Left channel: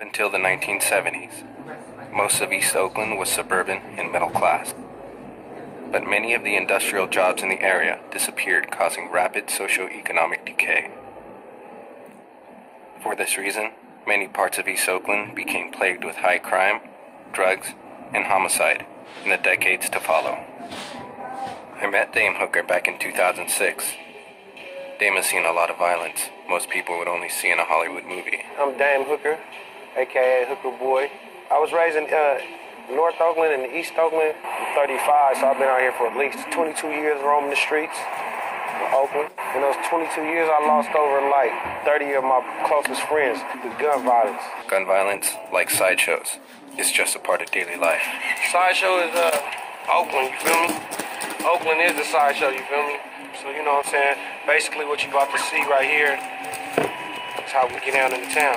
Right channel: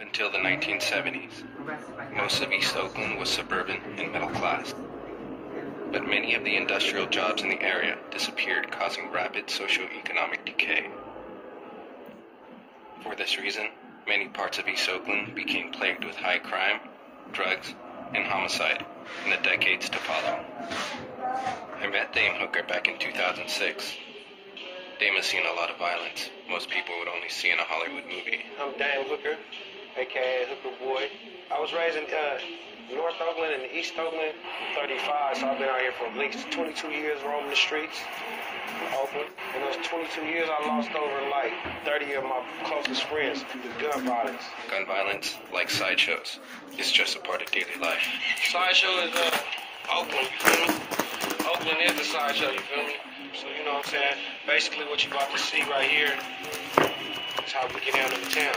Until the 1970s, most of East Oakland was suburban and middle class. But many of the industrial jobs in the area disappeared, causing rapid socioeconomic decay. For this reason, many parts of East Oakland became plagued with high crime, drugs, and homicide in the decades to follow. I met Dame Hooker back in 2006. Dame has seen a lot of violence most people would only see in a Hollywood movie. I'm Dame Hooker, a.k.a. Hooker Boy. I was raised in North Oakland and East Oakland. I'm 35, so I've been out here for at least 22 years roaming the streets of Oakland. In those 22 years, I lost over like 30 of my closest friends to gun violence. Gun violence, like sideshows, is just a part of daily life. Sideshow is Oakland, you feel me? Oakland is the sideshow, you feel me? So you know what I'm saying? Basically what you're about to see right here is how we get down in the town.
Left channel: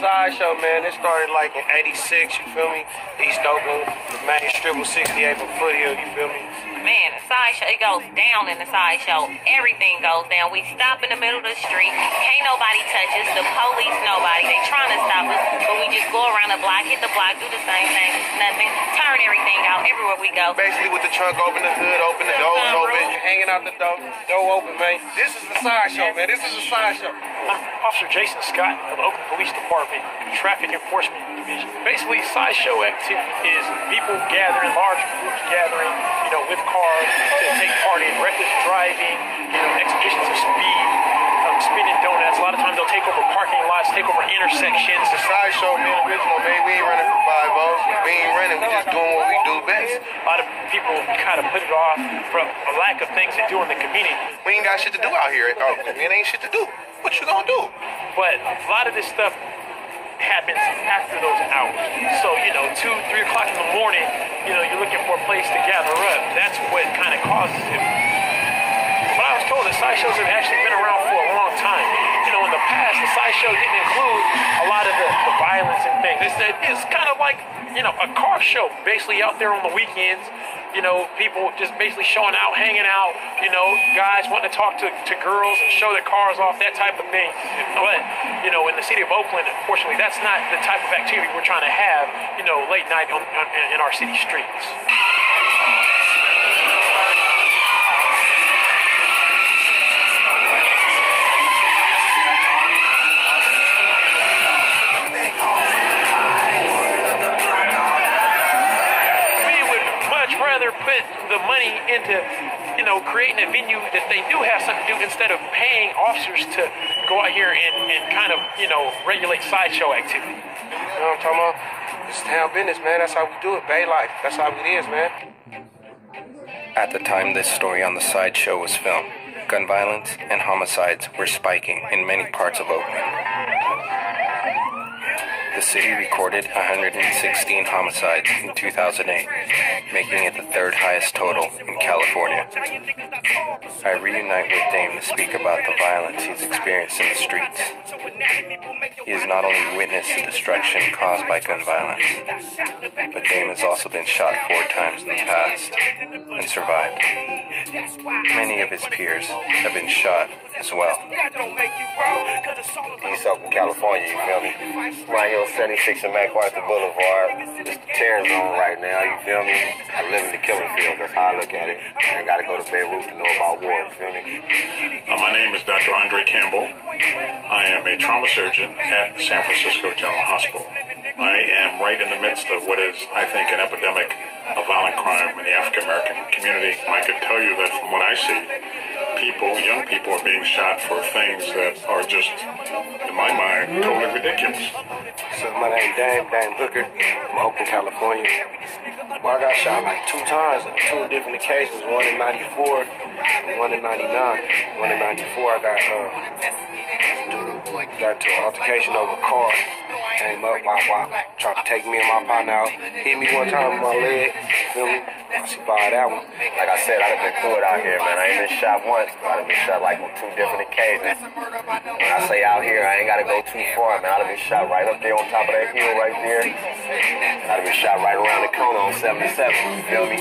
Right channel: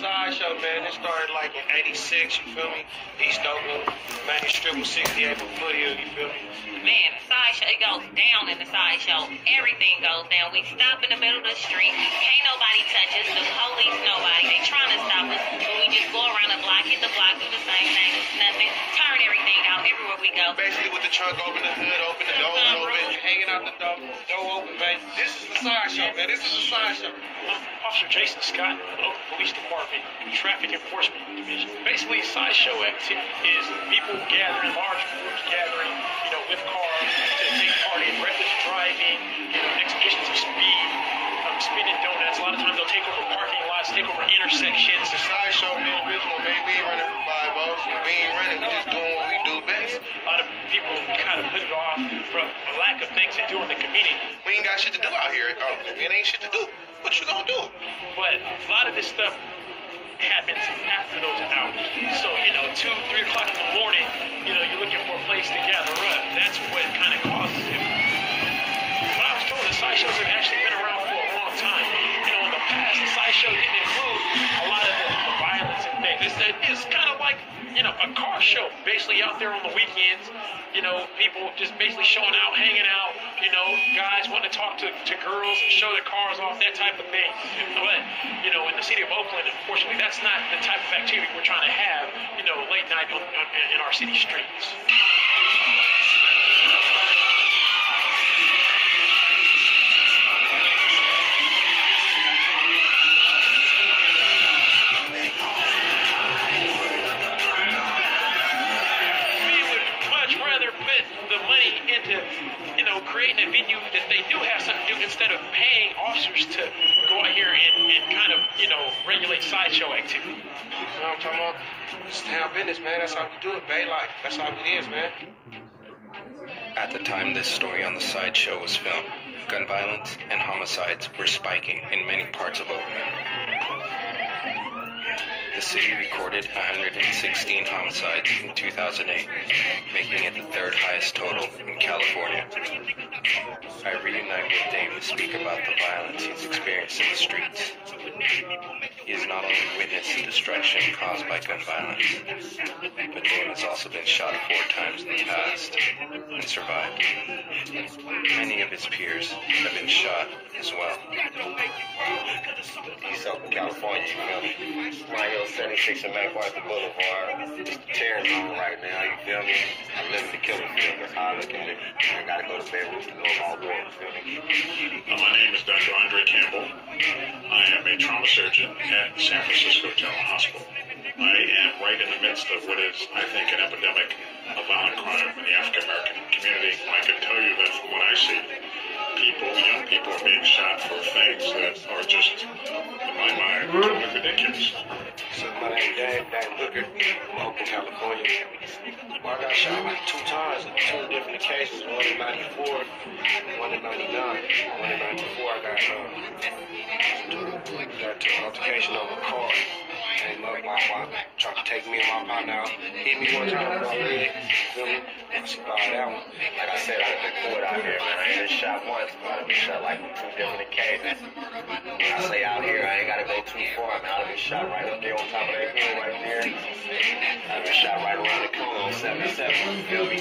Sideshow, man, it started like in 86, you feel me? East Oakland, main strip of 68 from Foothill, you feel me? Man, the sideshow, it goes down in the sideshow. Everything goes down. We stop in the middle of the street. Can't nobody touch us. The police, nobody. They trying to stop us, but we just go around the block, hit the block, do the same thing. Nothing. Turn everything out everywhere we go. Basically with the trunk open, the hood open, the doors open, hanging out the door open, man. This is the sideshow, man. This is the sideshow. I'm Officer Jason Scott of the Oakland Police Department, Traffic Enforcement Division. Basically, sideshow activity is people gathering, large groups gathering, with cars to take part in reckless driving, exhibitions of speed, spinning donuts. A lot of times they'll take over parking lots, take over intersections. The sideshow being original, man. We ain't running for 5-0. We ain't running. We just doing what we do best. A lot of people kind of put it off from a lack of things to do in the community. We ain't got shit to do out here. It ain't shit to do. What you gonna do? But a lot of this stuff happens after those hours. So, 2, 3 o'clock in the morning, you're looking for a place to gather up. That's what kind of causes it. But I was told that sideshows have actually been around for a long time. In the past, the sideshow didn't include a lot of the violence and things. It's kind of like, a car show, basically out there on the weekends. People just basically showing out, hanging out, guys wanting to talk to girls and show their cars off, that type of thing. But, in the city of Oakland, unfortunately, that's not the type of activity we're trying to have, late night in our city streets. Put the money into, creating a venue that they do have something to do instead of paying officers to go out here and kind of, regulate sideshow activity. You know what I'm talking about? It's town business, man. That's how we do it. Bay life. That's how it is, man. At the time this story on the sideshow was filmed, gun violence and homicides were spiking in many parts of Oakland. The city recorded 116 homicides in 2008, making it the third highest total in California. I reunite with Dame to speak about the violence he's experienced in the streets. He has not only witnessed the destruction caused by gun violence, but Dame has also been shot 4 times in the past and survived. Many of his peers have been shot as well. East Oakland, California, you feel me? Right here on 76 and MacArthur Boulevard. It's the terror zone right now, you feel me? I live in the killing field, that's how I look at it. I gotta go to Beirut to know about war, you feel me? My name is Dr. Andre Campbell. I am a trauma surgeon at San Francisco General Hospital. I am right in the midst of what is, I think, an epidemic of violent crime in the African American community. I can tell you that from what I see, young people are being shot for things that are just, in my mind, totally ridiculous. So my name is Dan Hooker. I'm Oakland, California. Well, I got shot like 2 times on 2 different occasions. One in '94, one in '99. One in '94, I got to an altercation over a car. Came up, tried to take me and my partner out. Hit me one time with my leg. Feel me? I survived that one. Like I said, I've been through it out here, man. I ain't been shot once, but I've been shot like on 2 different occasions. When I say out here, I ain't gotta go too far, man. I've been shot right up there on top of that hill right there. I've been shot right around the corner on 77. You feel me?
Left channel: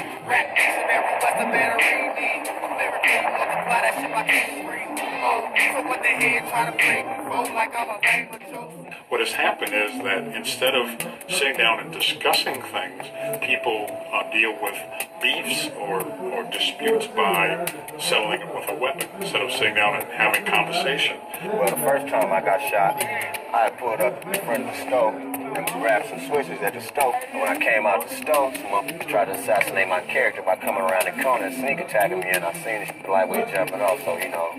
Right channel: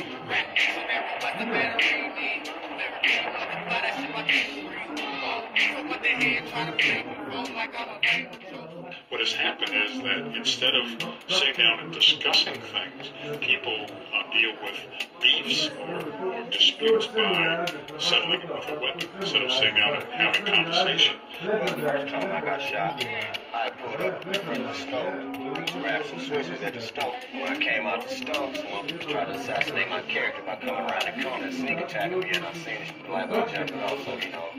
What has happened is that instead of sitting down and discussing things, people deal with beefs or disputes by settling it with a weapon instead of sitting down and having conversation. Well, the first time I got shot, I pulled up in front of the stove, grabbed some switches at the stove. When I came out the stove, someone tried to assassinate my character by coming around the corner and sneak attacking me, and I seen it lightweight jumping off, so, you know,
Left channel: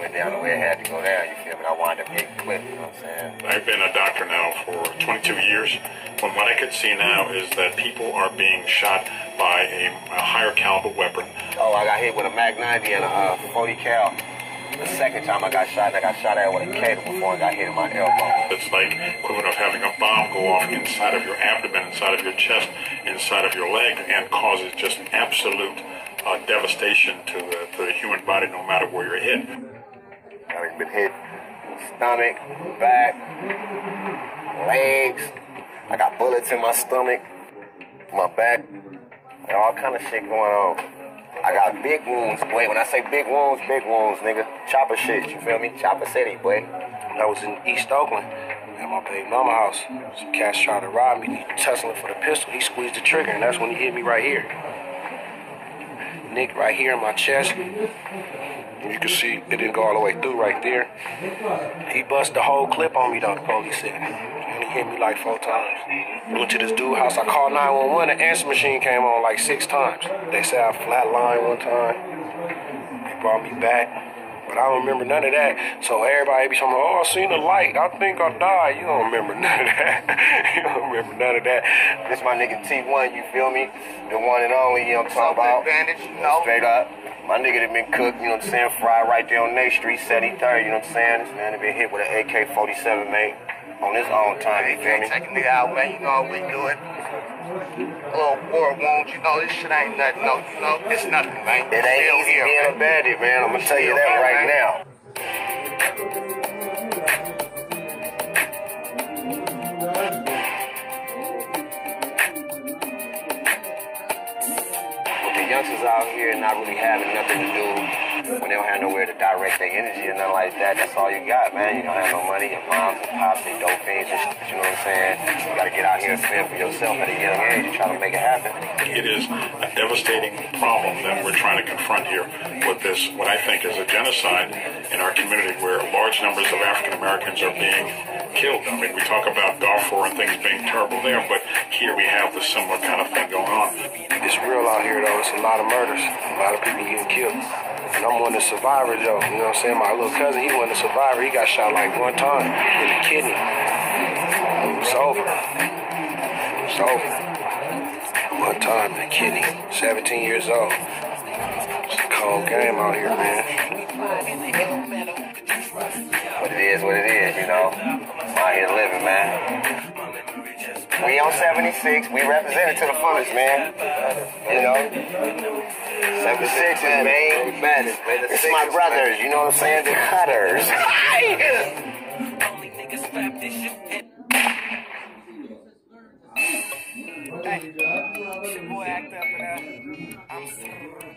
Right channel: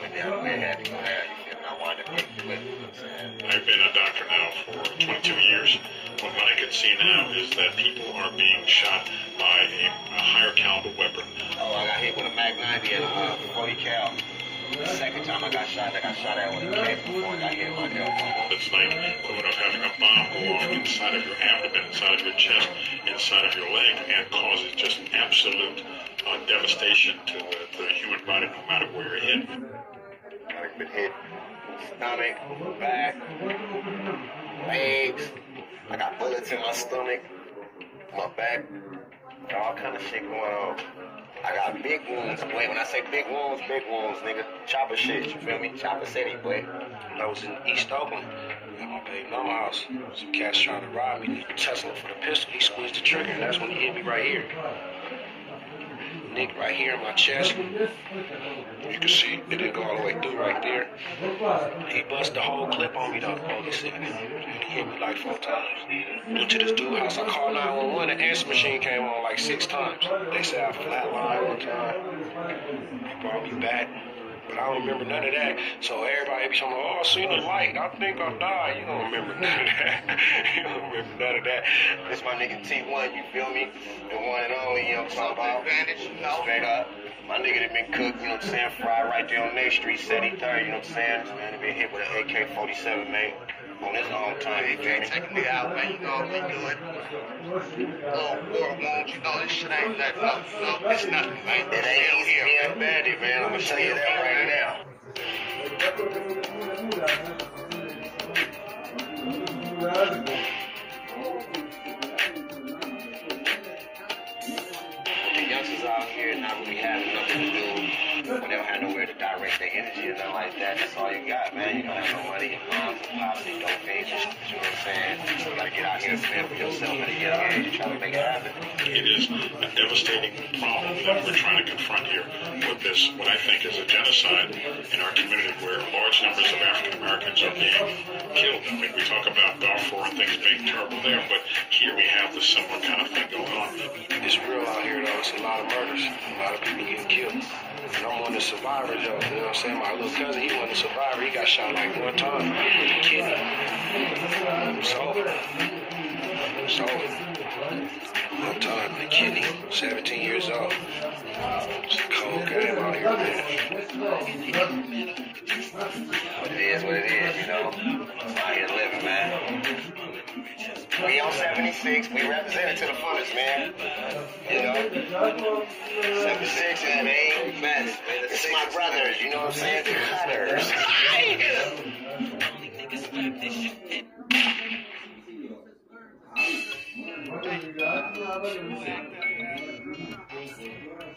went down the way, had to go down, you feel me? I wound up getting clipped, you know what I'm saying? I've been a doctor now for 22 years. But what I can see now is that people are being shot by a higher caliber weapon. Oh, I got hit with a Mag 90 and a 40 cal. The second time I got shot at with a K before I got hit in my elbow. It's like equivalent of having a bomb go off inside of your abdomen, inside of your chest, inside of your leg, and causes just absolute devastation to the human body, no matter where you're hit. I've been hit stomach, back, legs. I got bullets in my stomach, my back, all kind of shit going on. I got big wounds. Wait, when I say big wounds, nigga. Chopper shit, you feel me? Chopper City, boy. I was in East Oakland at my baby mama house. Some cats trying to rob me. He tussling for the pistol. He squeezed the trigger, and that's when he hit me right here. Nick right here in my chest. You can see it didn't go all the way through right there. He bust the whole clip on me, though, the police said. And he hit me like 4 times. Went to this dude's house. I called 911. The answer machine came on like 6 times. They said I flatlined one time. They brought me back. But I don't remember none of that. So everybody be talking, oh, I seen the light. I think I died. You don't remember none of that. You don't remember none of that. This my nigga T1, you feel me? The one and only, you know what I'm talking about? Advantage, no. Straight up. My nigga that been cooked, you know what I'm saying? Fried right there on Nate Street, 73rd, you know what I'm saying? This man that been hit with an AK-47, man. On his own time, you feel me? Taking me out, man. You know what we do it. Little war wounds, you know, this shit ain't nothing, no, it's nothing, man. It ain't easy being a bandit, man. I'm gonna tell you that right now. With the youngsters out here not really having nothing to do, when they don't have nowhere to direct their energy or nothing like that, that's all you got, man. You don't have no money, your mom, your pops, they dope fiends, you know what I'm saying? You gotta get out here and fend for yourself at a young age and try to make it happen. It is a devastating problem that we're trying to confront here with this, what I think is a genocide in our community where large numbers of African Americans are being killed. I mean, we talk about Darfur and things being terrible there, but here we have the similar kind of thing going on. It's real out here, though. It's a lot of murders. A lot of people getting killed. And I'm one of the survivors, though. You know what I'm saying? My little cousin, he wasn't a survivor. He got shot like 1 time in the kidney. It's over. It's over. 1 time in the kidney. 17 years old. It's a cold game out here, man. But it is what it is, you know? I'm out here living, man. We on 76, we represented to the fullest, man. You know? 76 is main madness, man. It's my brothers, you know what I'm saying? The cutters.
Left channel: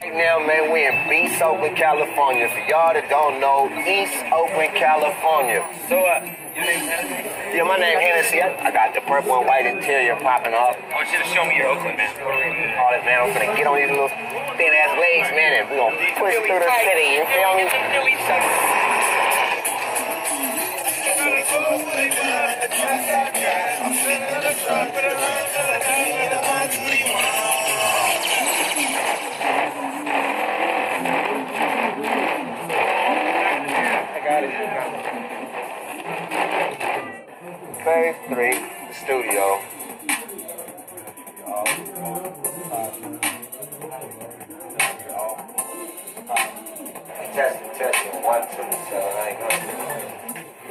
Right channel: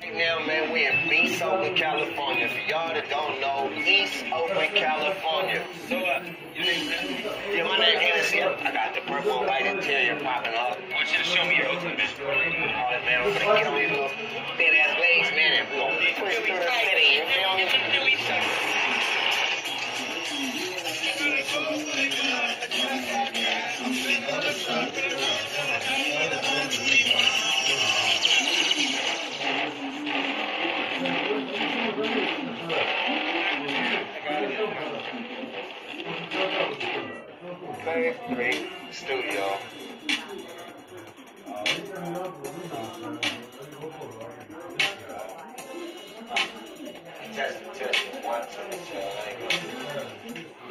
Right now, man, we in East Oakland, California. For y'all that don't know, East Oakland, California. So, yeah, my name Hennessy. I got the purple and white interior popping off. I want you to show me your Oakland vision. All that, man. I'm gonna get on these little thin-ass legs, man, and we gonna push through the city, you feel me? studio. Testing. 1, 2, so I ain't gonna...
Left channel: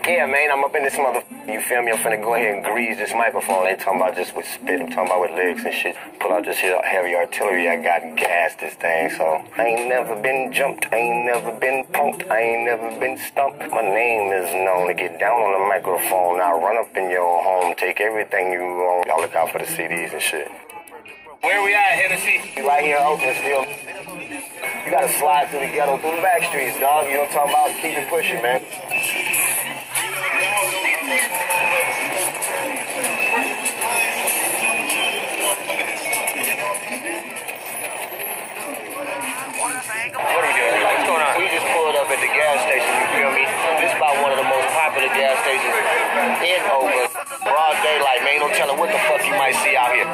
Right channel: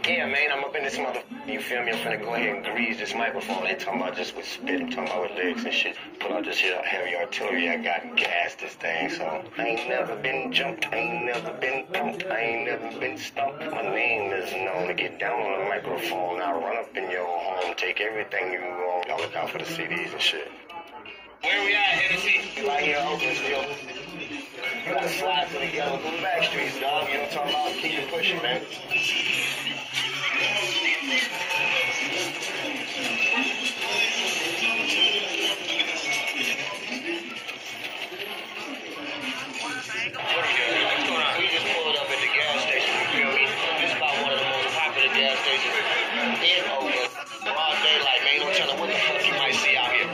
Yeah, man, I'm up in this mother. You feel me? I'm finna go ahead and grease this microphone. Ain't talking about just with spit. I'm talking about with lyrics and shit. Pull out this here heavy artillery. I got gas this thing, so I ain't never been jumped. I ain't never been punked. I ain't never been stumped. My name is known to get down on the microphone. Now run up in your home, take everything you own. I'll look out for the CDs and shit. Where we at, Hennessy? Right here in Oakland still. You gotta slide through the ghetto, through the back streets, dog. You know what I'm talking about? Keep it pushing, man. What are we doing? What's going on? We just pulled up at the gas station, you feel me? This is about one of the most popular gas stations in Oakland. Broad daylight, man. Don't tell them what the fuck you might see out here.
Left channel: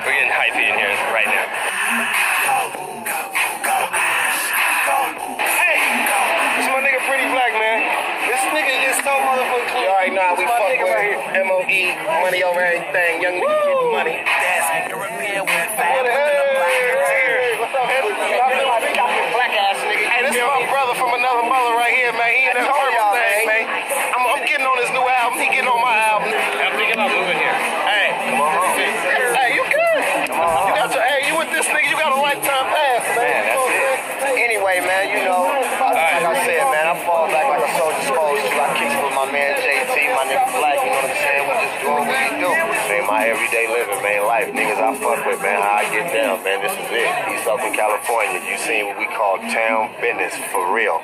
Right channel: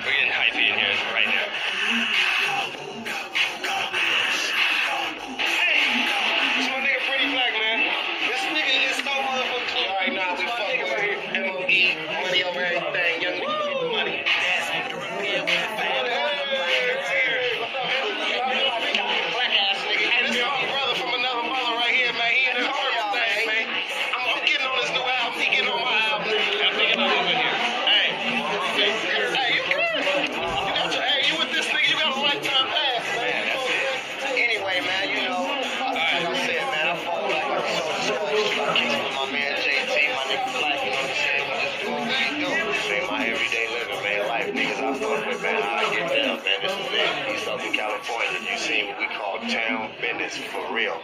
We're getting hypey in here right now. Hey, this my nigga Pretty Black, man. This nigga is so motherfucking clean. You already know we fuck with M.O.E. Money over everything. Young nigga get the money. Black ass nigga. Hey, this is my brother from another mother right here, man. He in the purple thing, man. I'm getting on his new album. He getting on my album. I'm thinking about moving here. Hey, you good? You got your, hey, you with this nigga, you got a lifetime pass, man. Anyway, man, you know, like I said, man, I fall back like a soldier supposed to. I kick with my man JT, my nigga Black, you know what I'm saying? We just doing what we do. Man, my everyday living, man, life, niggas I fuck with, man, how I get down, man, this is it. East Oakland, California. You seen what we call town business, for real.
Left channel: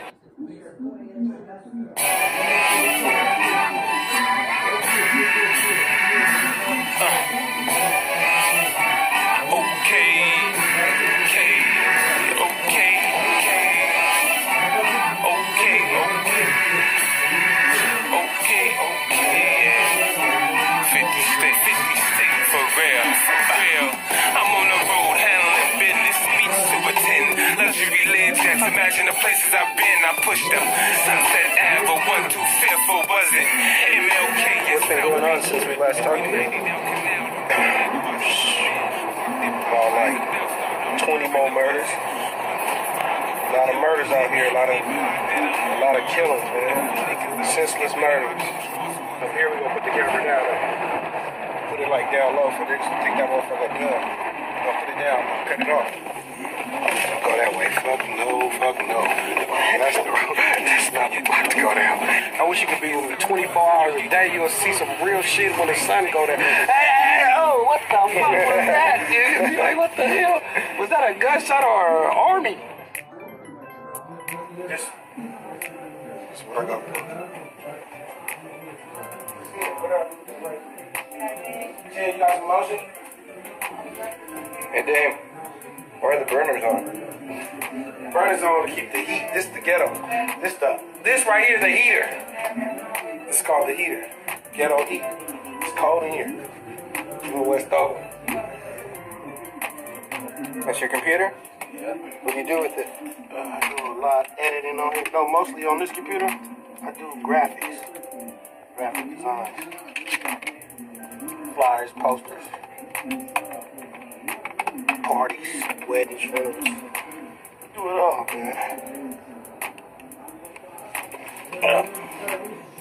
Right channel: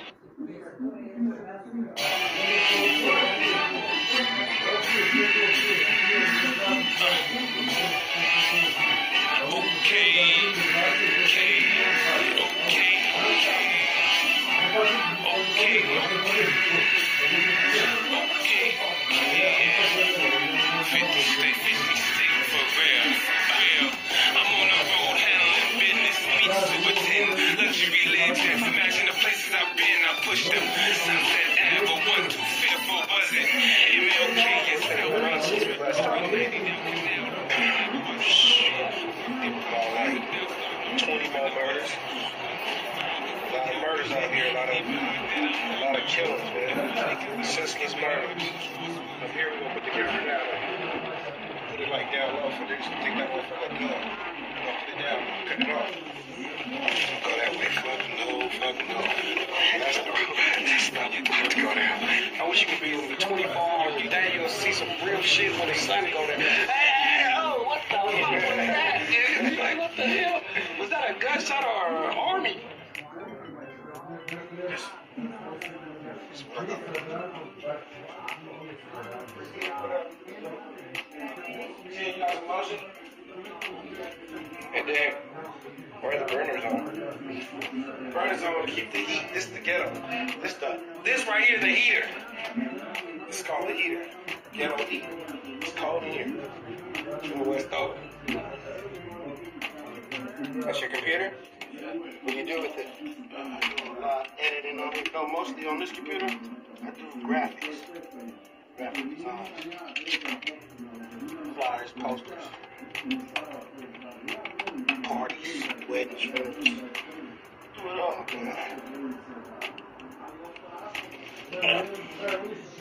Imagine the places I've been, I pushed them. Sunset Ave, 1, 2, 4, was it? MLK, What's been going on since we last talked? About like 20 more murders. A lot of murders out here, a lot of killings, man. Senseless murders. So here we go, put the camera down. Put it like down low for this. Take that motherfucker up. Put it down, cut it off. Go that way. Fuck no. That's the road. That's not about to go down. I wish you could be with me 24 hours a day. You're going to see some real shit when the sun go down. Hey, oh, what the fuck was that, dude? Like, what the hell? Was that a gunshot or an army? Yes. That's what I got. Yeah, you got some motion? And then, where are the burners on? Burners on to keep the heat. This is the ghetto. This right here is the heater. This is called the heater. Ghetto heat. It's cold in here. In West Oakland. That's your computer? Yeah. What do you do with it? I do a lot of editing on it. No, mostly on this computer. I do graphics. Graphic design. Flyers, posters. Parties, weddings, funerals. Do it all, man.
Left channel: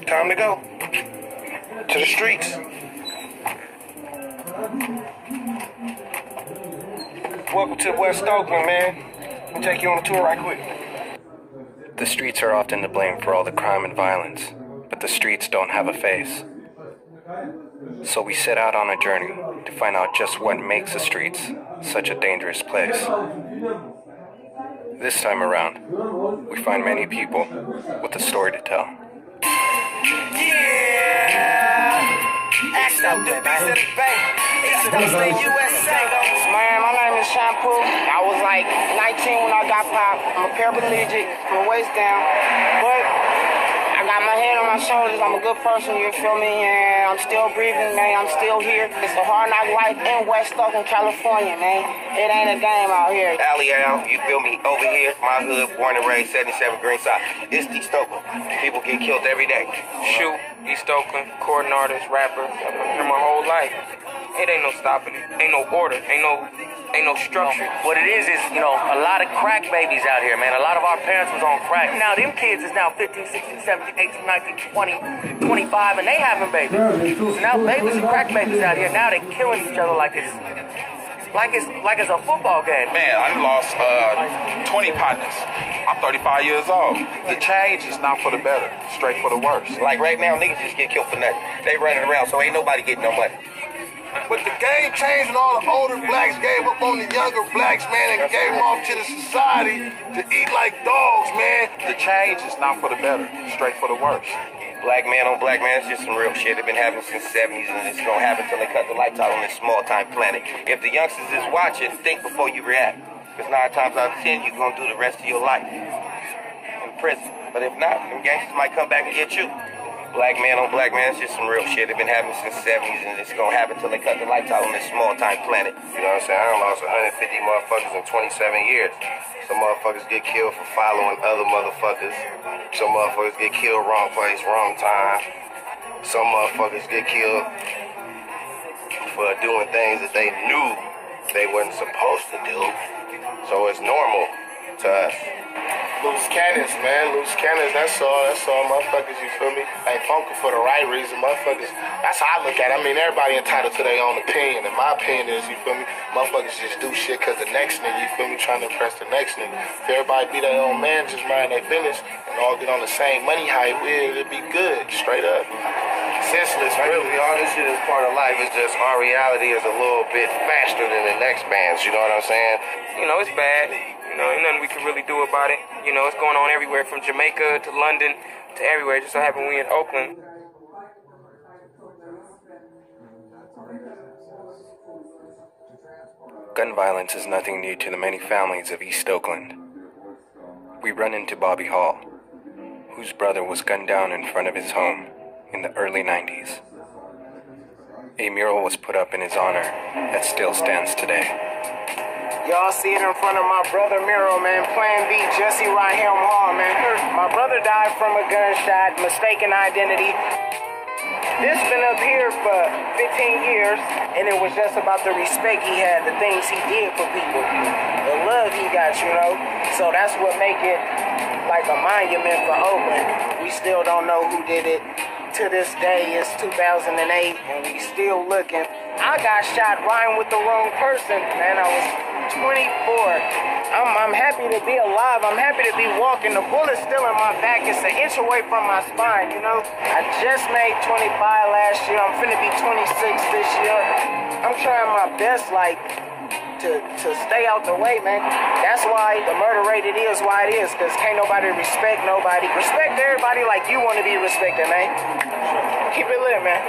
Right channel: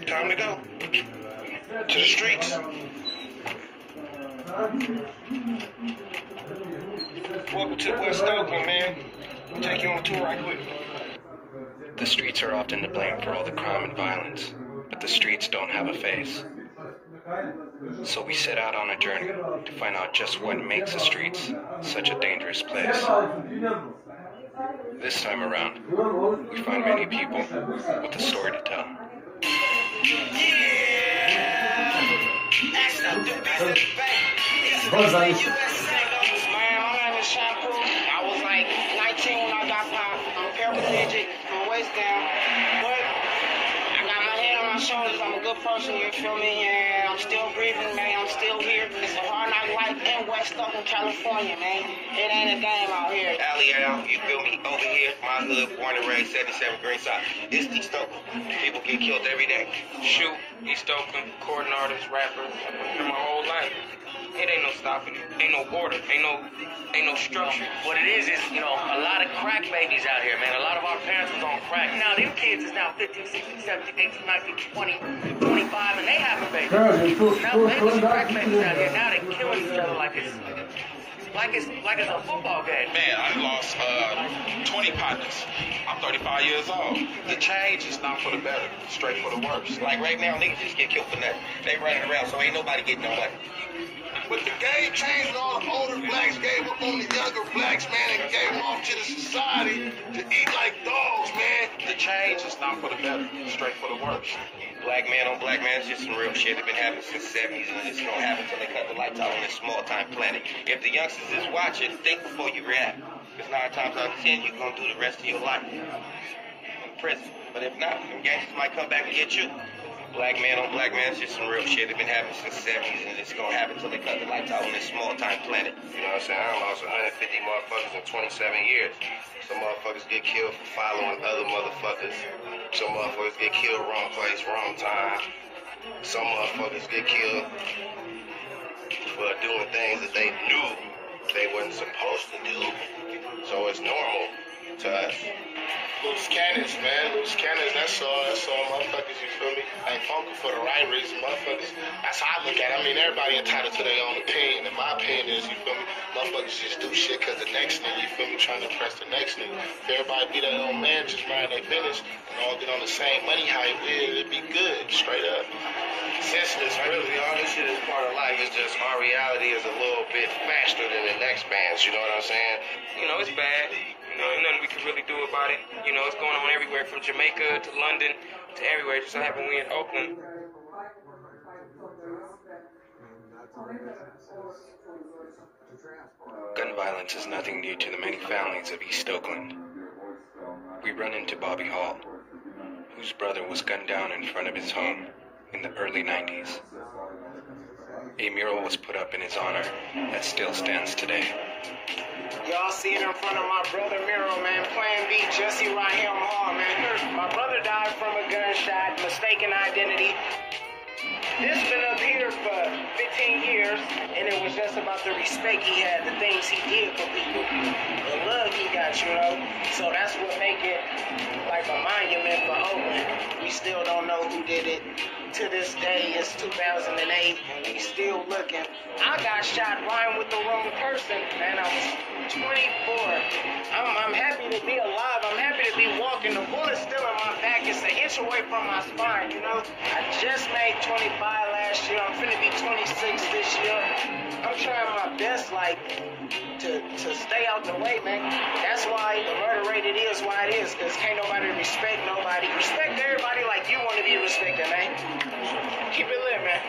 Time to go. To the streets. Welcome to West Oakland, man. We'll take you on a tour right quick. The streets are often to blame for all the crime and violence, but the streets don't have a face. So we set out on a journey to find out just what makes the streets such a dangerous place. This time around, we find many people with a story to tell. Man, my name is Shampoo. I was like 19 when I got popped. I'm a paraplegic from the waist down, but I got my head on my my shoulders. I'm a good person, you feel me? And I'm still breathing, man. I'm still here. It's a hard knock life in West Oakland, California, man. It ain't a game out here. Alley Al, you feel me? Over here, my hood, born and raised, 77 Greenside. It's East Oakland. People get killed every day. Shoot, East Oakland, recording artist, rapper. I've been here my whole life. It ain't no stopping it. Ain't no order. Ain't no structure. What it is, you know, a lot of crack babies out here, man. A lot of our parents was on crack. Now, them kids is now 15, 16, 17, 18, 19, 20, 25, and they having babies. Now, babies and crack babies out here, now they killing each other like it's a football game. Man, I lost 20 partners. I'm 35 years old. The change is not for the better, straight for the worse. Like right now, niggas just get killed for nothing. They running around, so ain't nobody getting no money. But the game changed and all the older blacks gave up on the younger blacks, man, and gave them off to the society to eat like dogs, man. The change is not for the better, straight for the worse. Black man on black man, it's just some real shit. It's been happening since the 70s, and it's gonna happen till they cut the lights out on this small-time planet. If the youngsters is watching, think before you react. Because 9 times out of 10, you're gonna do the rest of your life in prison. But if not, them gangsters might come back and get you. Black man on black man, it's just some real shit. It's been happening since the 70s, and it's gonna happen till they cut the lights out on this small-time planet. You know what I'm saying? I done lost 150 motherfuckers in 27 years. Some motherfuckers get killed for following other motherfuckers. Some motherfuckers get killed wrong place, wrong time. Some motherfuckers get killed for doing things that they knew they wasn't supposed to do. So it's normal to us. Loose cannons, man. Loose cannons, that's all. That's all, motherfuckers, you feel me? Ain't funky for the right reason, motherfuckers. That's how I look at it. I mean, everybody entitled to their own opinion. And my opinion is, you feel me, motherfuckers just do shit because the next nigga, you feel me, trying to impress the next nigga. If everybody be their own man, just mind their business, and all get on the same money hype, it'd be good, straight up. Senseless, really. All this shit is part of life. It's just our reality is a little bit faster than the next man's, you know what I'm saying? You know, it's bad. You know, ain't nothing we can really do about it. You know, it's going on everywhere from Jamaica to London to everywhere. Just so happen we in Oakland. Gun violence is nothing new to the many families of East Oakland. We run into Bobby Hall, whose brother was gunned down in front of his home in the early 90s. A mural was put up in his honor that still stands today. Y'all see it in front of my brother mural, man. Plan B, Jesse Rahim Hall, man. My brother died from a gunshot, mistaken identity. This been up here for 15 years, and it was just about the respect he had, the things he did for people, the love he got, you know. So that's what make it like a monument for Oakland. We still don't know who did it. To this day, it's 2008, and we still looking. I got shot riding with the wrong person, man. I was 24. I'm happy to be alive. I'm happy to be walking. The bullet's still in my back. It's an inch away from my spine, you know. I just made 25 last year. I'm finna be 26 this year. I'm trying my best, like, to stay out the way, man. That's why the murder rate it is why it is, because can't nobody respect nobody. Respect everybody like you want to be respected, man. Keep it lit, man.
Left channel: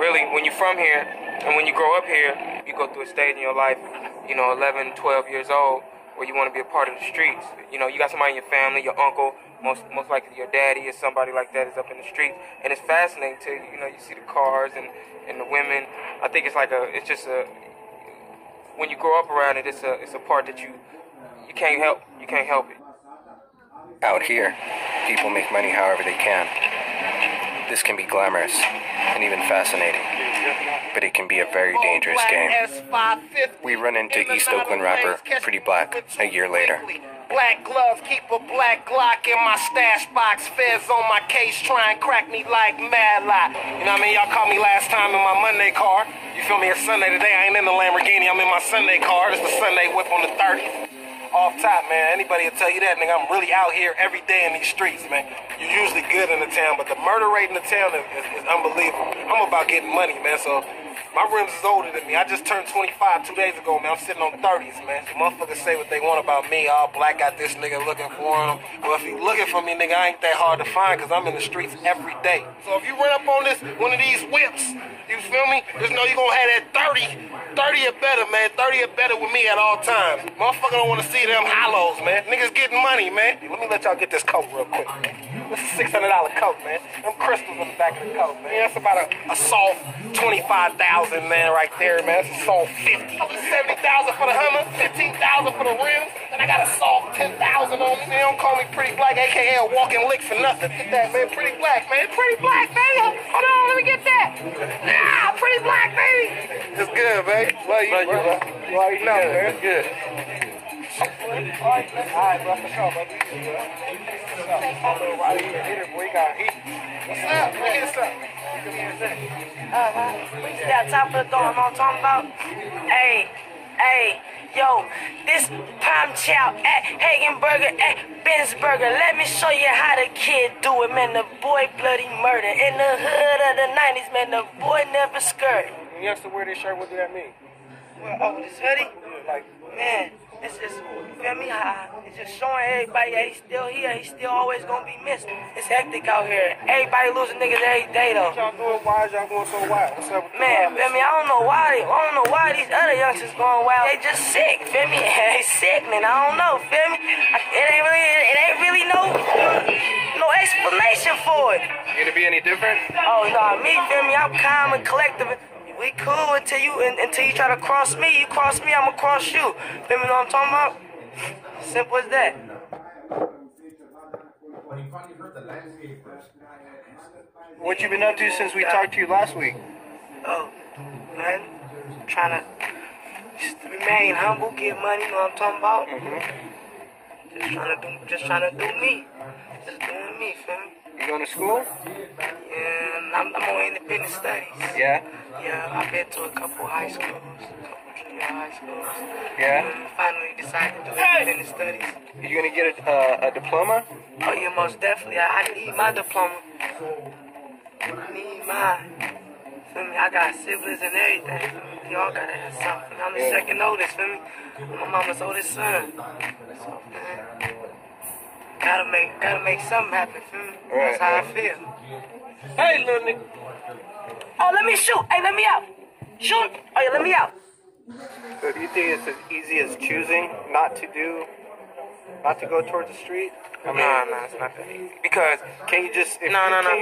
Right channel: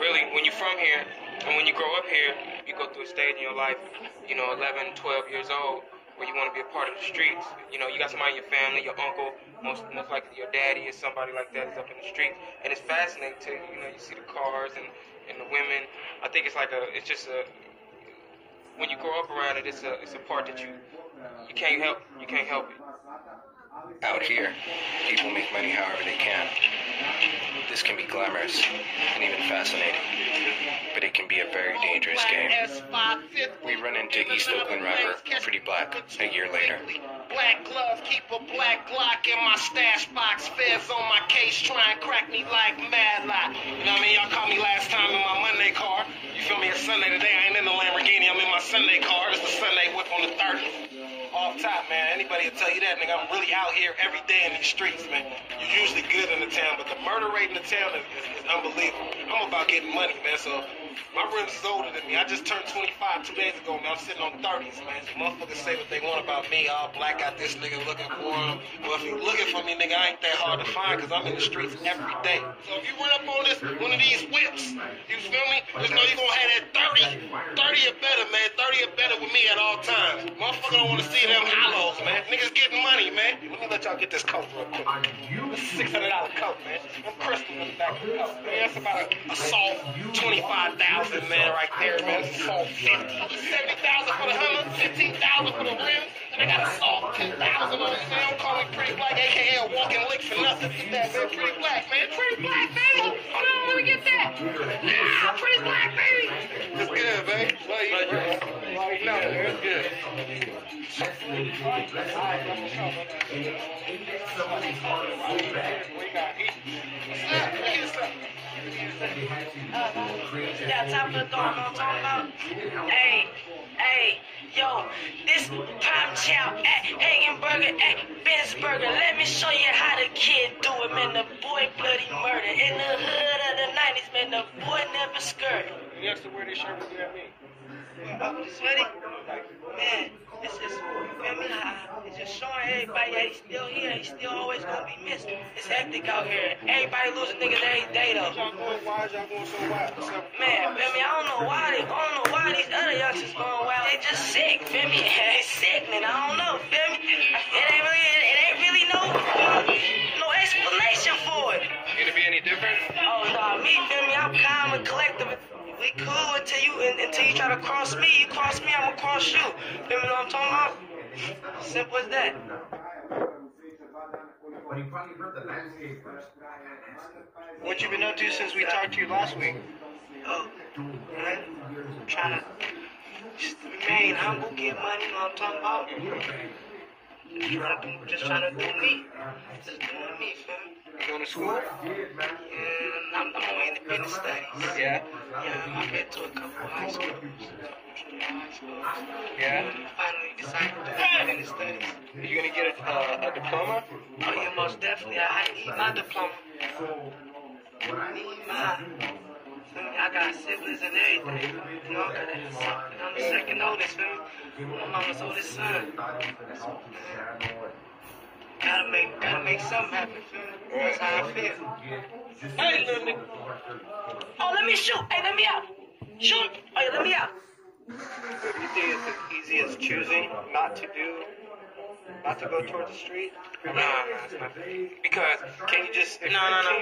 Really, when you're from here, and when you grow up here, you go through a stage in your life, you know, 11, 12 years old, where you want to be a part of the streets. You know, you got somebody in your family, your uncle, most likely your daddy or somebody like that is up in the street. And it's fascinating to, you know, you see the cars and the women. I think it's like when you grow up around it, it's a part that you can't help it. Out here, people make money however they can. This can be glamorous and even fascinating, but it can be a very dangerous game. We run into East Oakland rapper Pretty Black a year later. Black glove, keep a black Glock in my stash box. Feds on my case, try and crack me like mad lie. You know what I mean? Y'all caught me last time in my Monday car. You feel me? It's Sunday today. I ain't in the Lamborghini. I'm in my Sunday car. It's the Sunday whip on the 30th. Off top, man. Anybody will tell you that, nigga. I'm really out here every day in these streets, man. You're usually good in the town, but the murder rate in the town is unbelievable. I'm about getting money, man, so My rims is older than me. I just turned 25 2 days ago, man. I'm sitting on 30s, man. So motherfuckers say what they want about me. All black, got this nigga looking for him. Well, if you looking for me, nigga, I ain't that hard to find because I'm in the streets every day. So if you run up on one of these whips, you feel me? Just know you gonna have that 30 or better, man. 30 or better with me at all times. Motherfucker don't want to see them hollows, man. Niggas getting money, man. Let me let y'all get this coat real quick. This is a $600 coat, man. Them crystals in the back of the coat, man. That's about a soft 25,000, man, right there, man. That's a soft 50. 70,000 for the Hummer, 15,000 for the rims, and I got a soft 10,000 on it. They don't call me Pretty Black, aka a walking lick for nothing. Get that, man. Pretty Black, man. Pretty Black, man. Hold on, let me get that. Nah, Pretty Black, baby. It's good, man. Love you, bro. Well, you know, man. It's good. All right, bro. For sure, bro. What's up? What's up? Yeah, top of the door, I'm talking about. Hey, yo, this Palm Chow at Hagenberger at Bensberger. Let me show you how the kid do it, man. The boy bloody murder. In the hood of the 90s, man, the boy never skirted. You have to wear this shirt, what does that mean? Well, this hoodie? Man, it's just, you feel me? It's just showing everybody that he's still here. He's still always gonna be missed. It's hectic out here. Everybody losing niggas every day, though. Y'all doing wild? Y'all going so wild? What's up? Man, feel me? I don't know why these other youngsters going wild. They just sick, feel me? They sickening. I don't know, feel me? It ain't really no explanation for it. You gonna be any different? Oh no, me, feel me? I'm calm and collective. We cool until you try to cross me. You cross me, I'ma cross you. Feel me what I'm talking about? Simple as that. What you been up to since we talked to you last week? Oh, man. Trying to just remain humble, get money, you know what I'm talking about? Just trying to do me. Just doing me, feel me? You going to school? Yeah, I'm on independent studies. Yeah? Yeah, I've been to a couple high schools. Yeah? I finally decided to do independent studies. You gonna get a diploma? Oh yeah, most definitely. I need my diploma. I need mine. Feel me? I got siblings and everything. We all gotta have something. I'm the second oldest, feel me? My mama's oldest son. So, man, gotta make something happen, feel me? That's how I feel. Hey, little nigga. Oh, let me shoot. Hey, let me out. Shoot. Oh, yeah, let me out. So do you think it's as easy as choosing not to go towards the street? No, it's not that easy. Because can you just you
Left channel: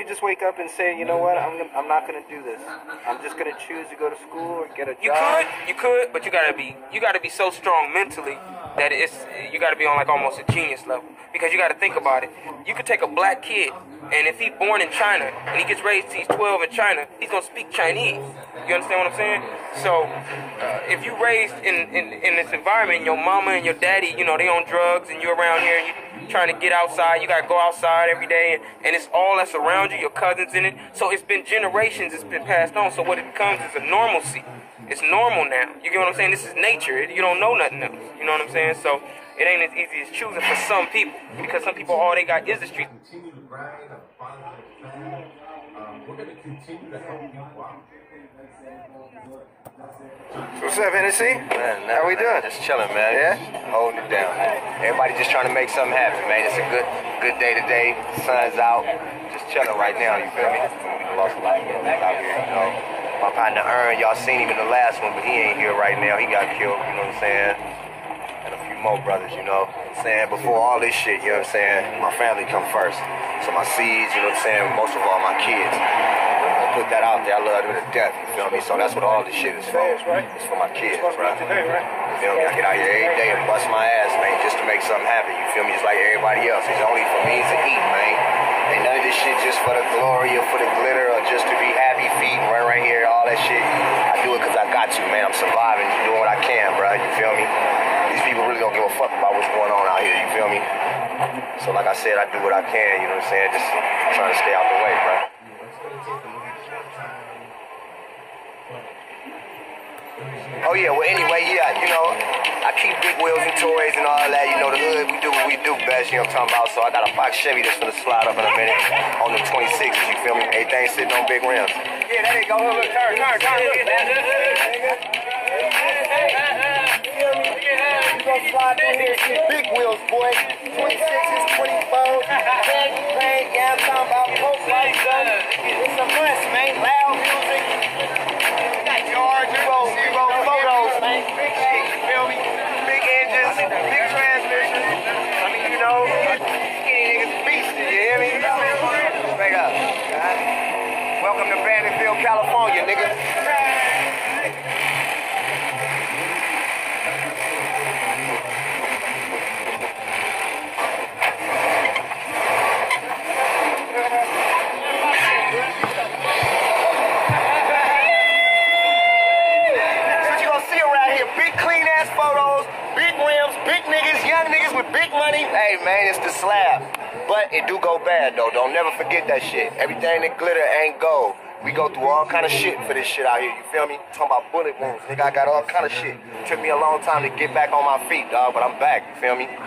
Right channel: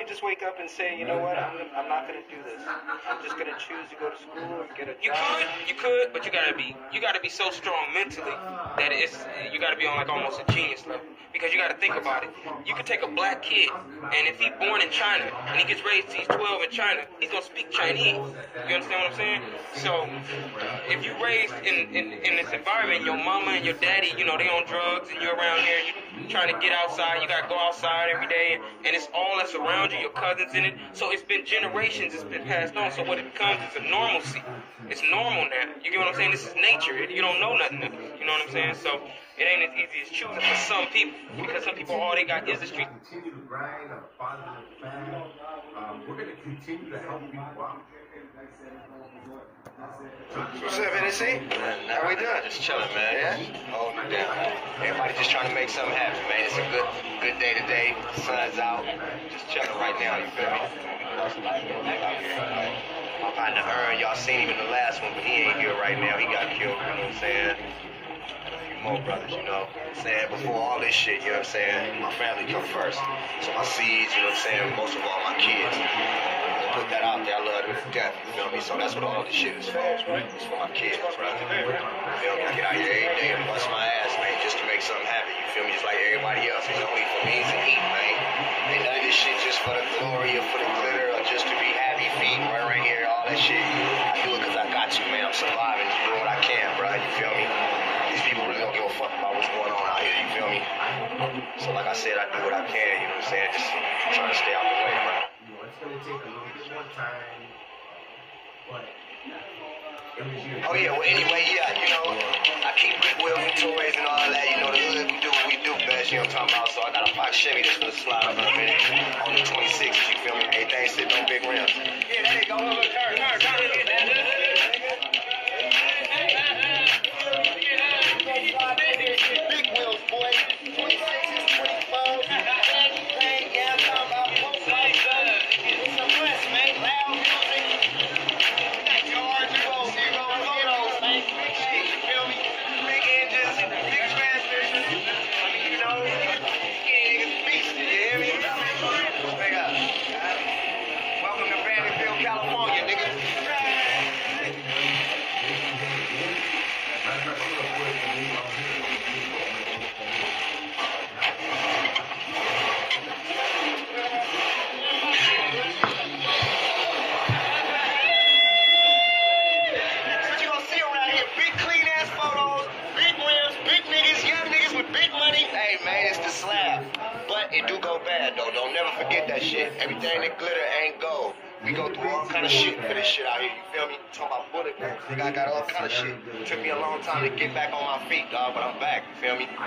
just wake up and say, you know what, I'm not gonna do this. I'm just gonna choose to go to school or get a job. You could, but you gotta be so strong mentally that you gotta be on like almost a genius level. Because you gotta think about it. You could take a black kid, and if he's born in China and he gets raised till he's 12 in China, he's gonna speak Chinese. You understand what I'm saying? So if you raised in this environment, your mama and your daddy, you know, they on drugs, and you're around here and you're trying to get outside, you gotta go outside every day, and it's all that's around you, your cousins in it. So it's been generations, it's been passed on. So what it becomes is a normalcy. It's normal now. You get what I'm saying? This is nature. You don't know nothing else. You know what I'm saying? So it ain't as easy as choosing for some people, because some people, all they got is the street. Continue to grind on a positive path. We're going to continue to help you out. What's up, Hennessy? How we doing? Just chilling, man. Yeah? Holding it down. Everybody just trying to make something happen, man. It's a good day today. The sun's out. Just chilling right now, you feel me? We lost a lot of back out here, you know. My partner Earn, y'all seen him in the last one, but he ain't here right now. He got killed, you know what I'm saying? And a few more brothers, you know what I'm saying? Before all this shit, you know what I'm saying? My family come first. So my seeds, you know what I'm saying? Most of all, my kids. I put that out there. I love them to death, you feel me? So that's what all this shit is for. It's for my kids, bro. You feel me? I get out here every day and bust my ass, man, just to make something happen. You feel me? Just like everybody else. It's only for means to eat, man. Ain't none of this shit just for the glory or for the glitter or just to be happy feet and run around here, all that shit. I do it because I got to, man. I'm surviving, doing what I can, bro. You feel me? These people really don't give a fuck about what's going on out here, you feel me? So like I said, I do what I can, you know what I'm saying? Just trying to stay out the way, bro. Oh yeah, well anyway, yeah, you know, I keep big wheels and toys and all that, you know, the hood, we do what we do, baby. last year I'm talking about. So I got a Fox Chevy that's gonna slide up in a minute on the 26th, you feel me? Everything sitting on big rims. Yeah, there you go. Look, turn. Big wheels, boy. 26s, 24s. Yeah, I'm talking about post lights, son. It's a must, man. Loud music. Yard, zero photos, man. Big shit, you feel me? Big engines, big transmissions. I mean, you know, skinny niggas beast, you hear me? Back up. Welcome to Vanderbilt, California, nigga. Hey man, it's the slab. But it do go bad though. Don't never forget that shit. Everything that glitter ain't gold. We go through all kind of shit for this shit out here. You feel me? Talking about bullet wounds. Nigga, I got all kind of shit. Took me a long time to get back on my feet, dog, but I'm back. You feel me? A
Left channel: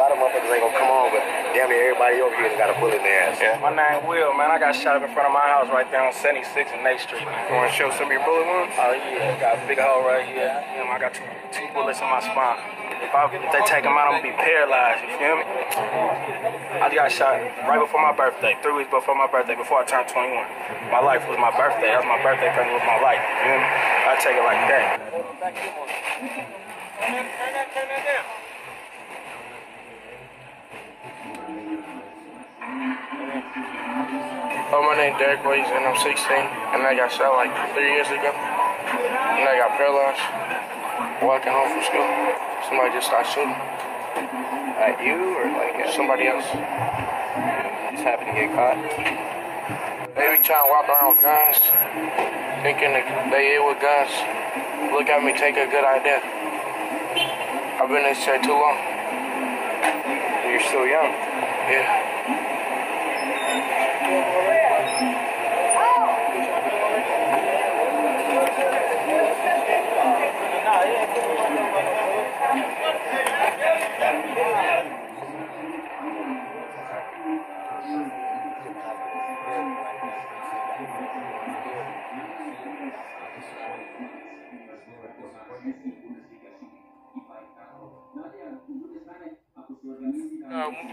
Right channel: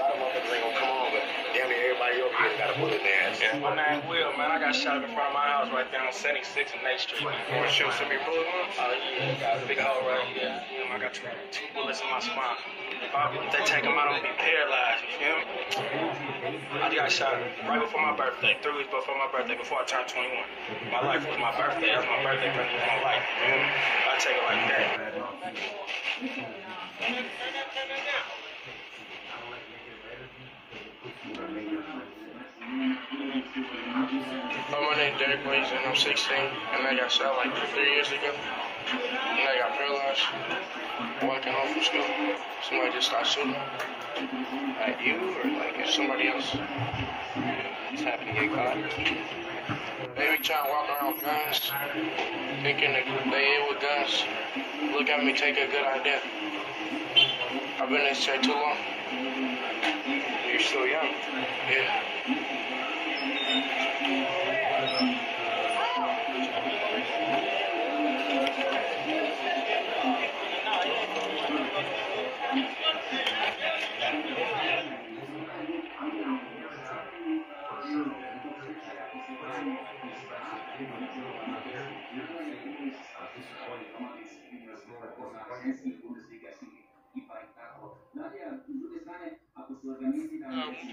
lot of motherfuckers ain't gonna come on, but damn near everybody over here got a bullet in their ass. Yeah. My name Will, man. I got shot up in front of my house right there on 76 and 8th Street. You wanna show some of your bullet wounds? Oh yeah, got a big hole right here. I got two bullets in my spine. If they take them out, I'm gonna be paralyzed, you feel me? I got shot right before my birthday, 3 weeks before my birthday, before I turned 21. My life was my birthday. That was my birthday present with my life, you feel me? I take it like that. Oh, my name's Derek Williams, and I'm 16, and I got shot like 3 years ago, and I got paralyzed walking home from school. Somebody just started shooting. Like you or like somebody else? Just happened to get caught. They be trying to walk around with guns, thinking that they hit with guns. Look at me, take a good idea. I've been in this chair too long. You're still young. Yeah.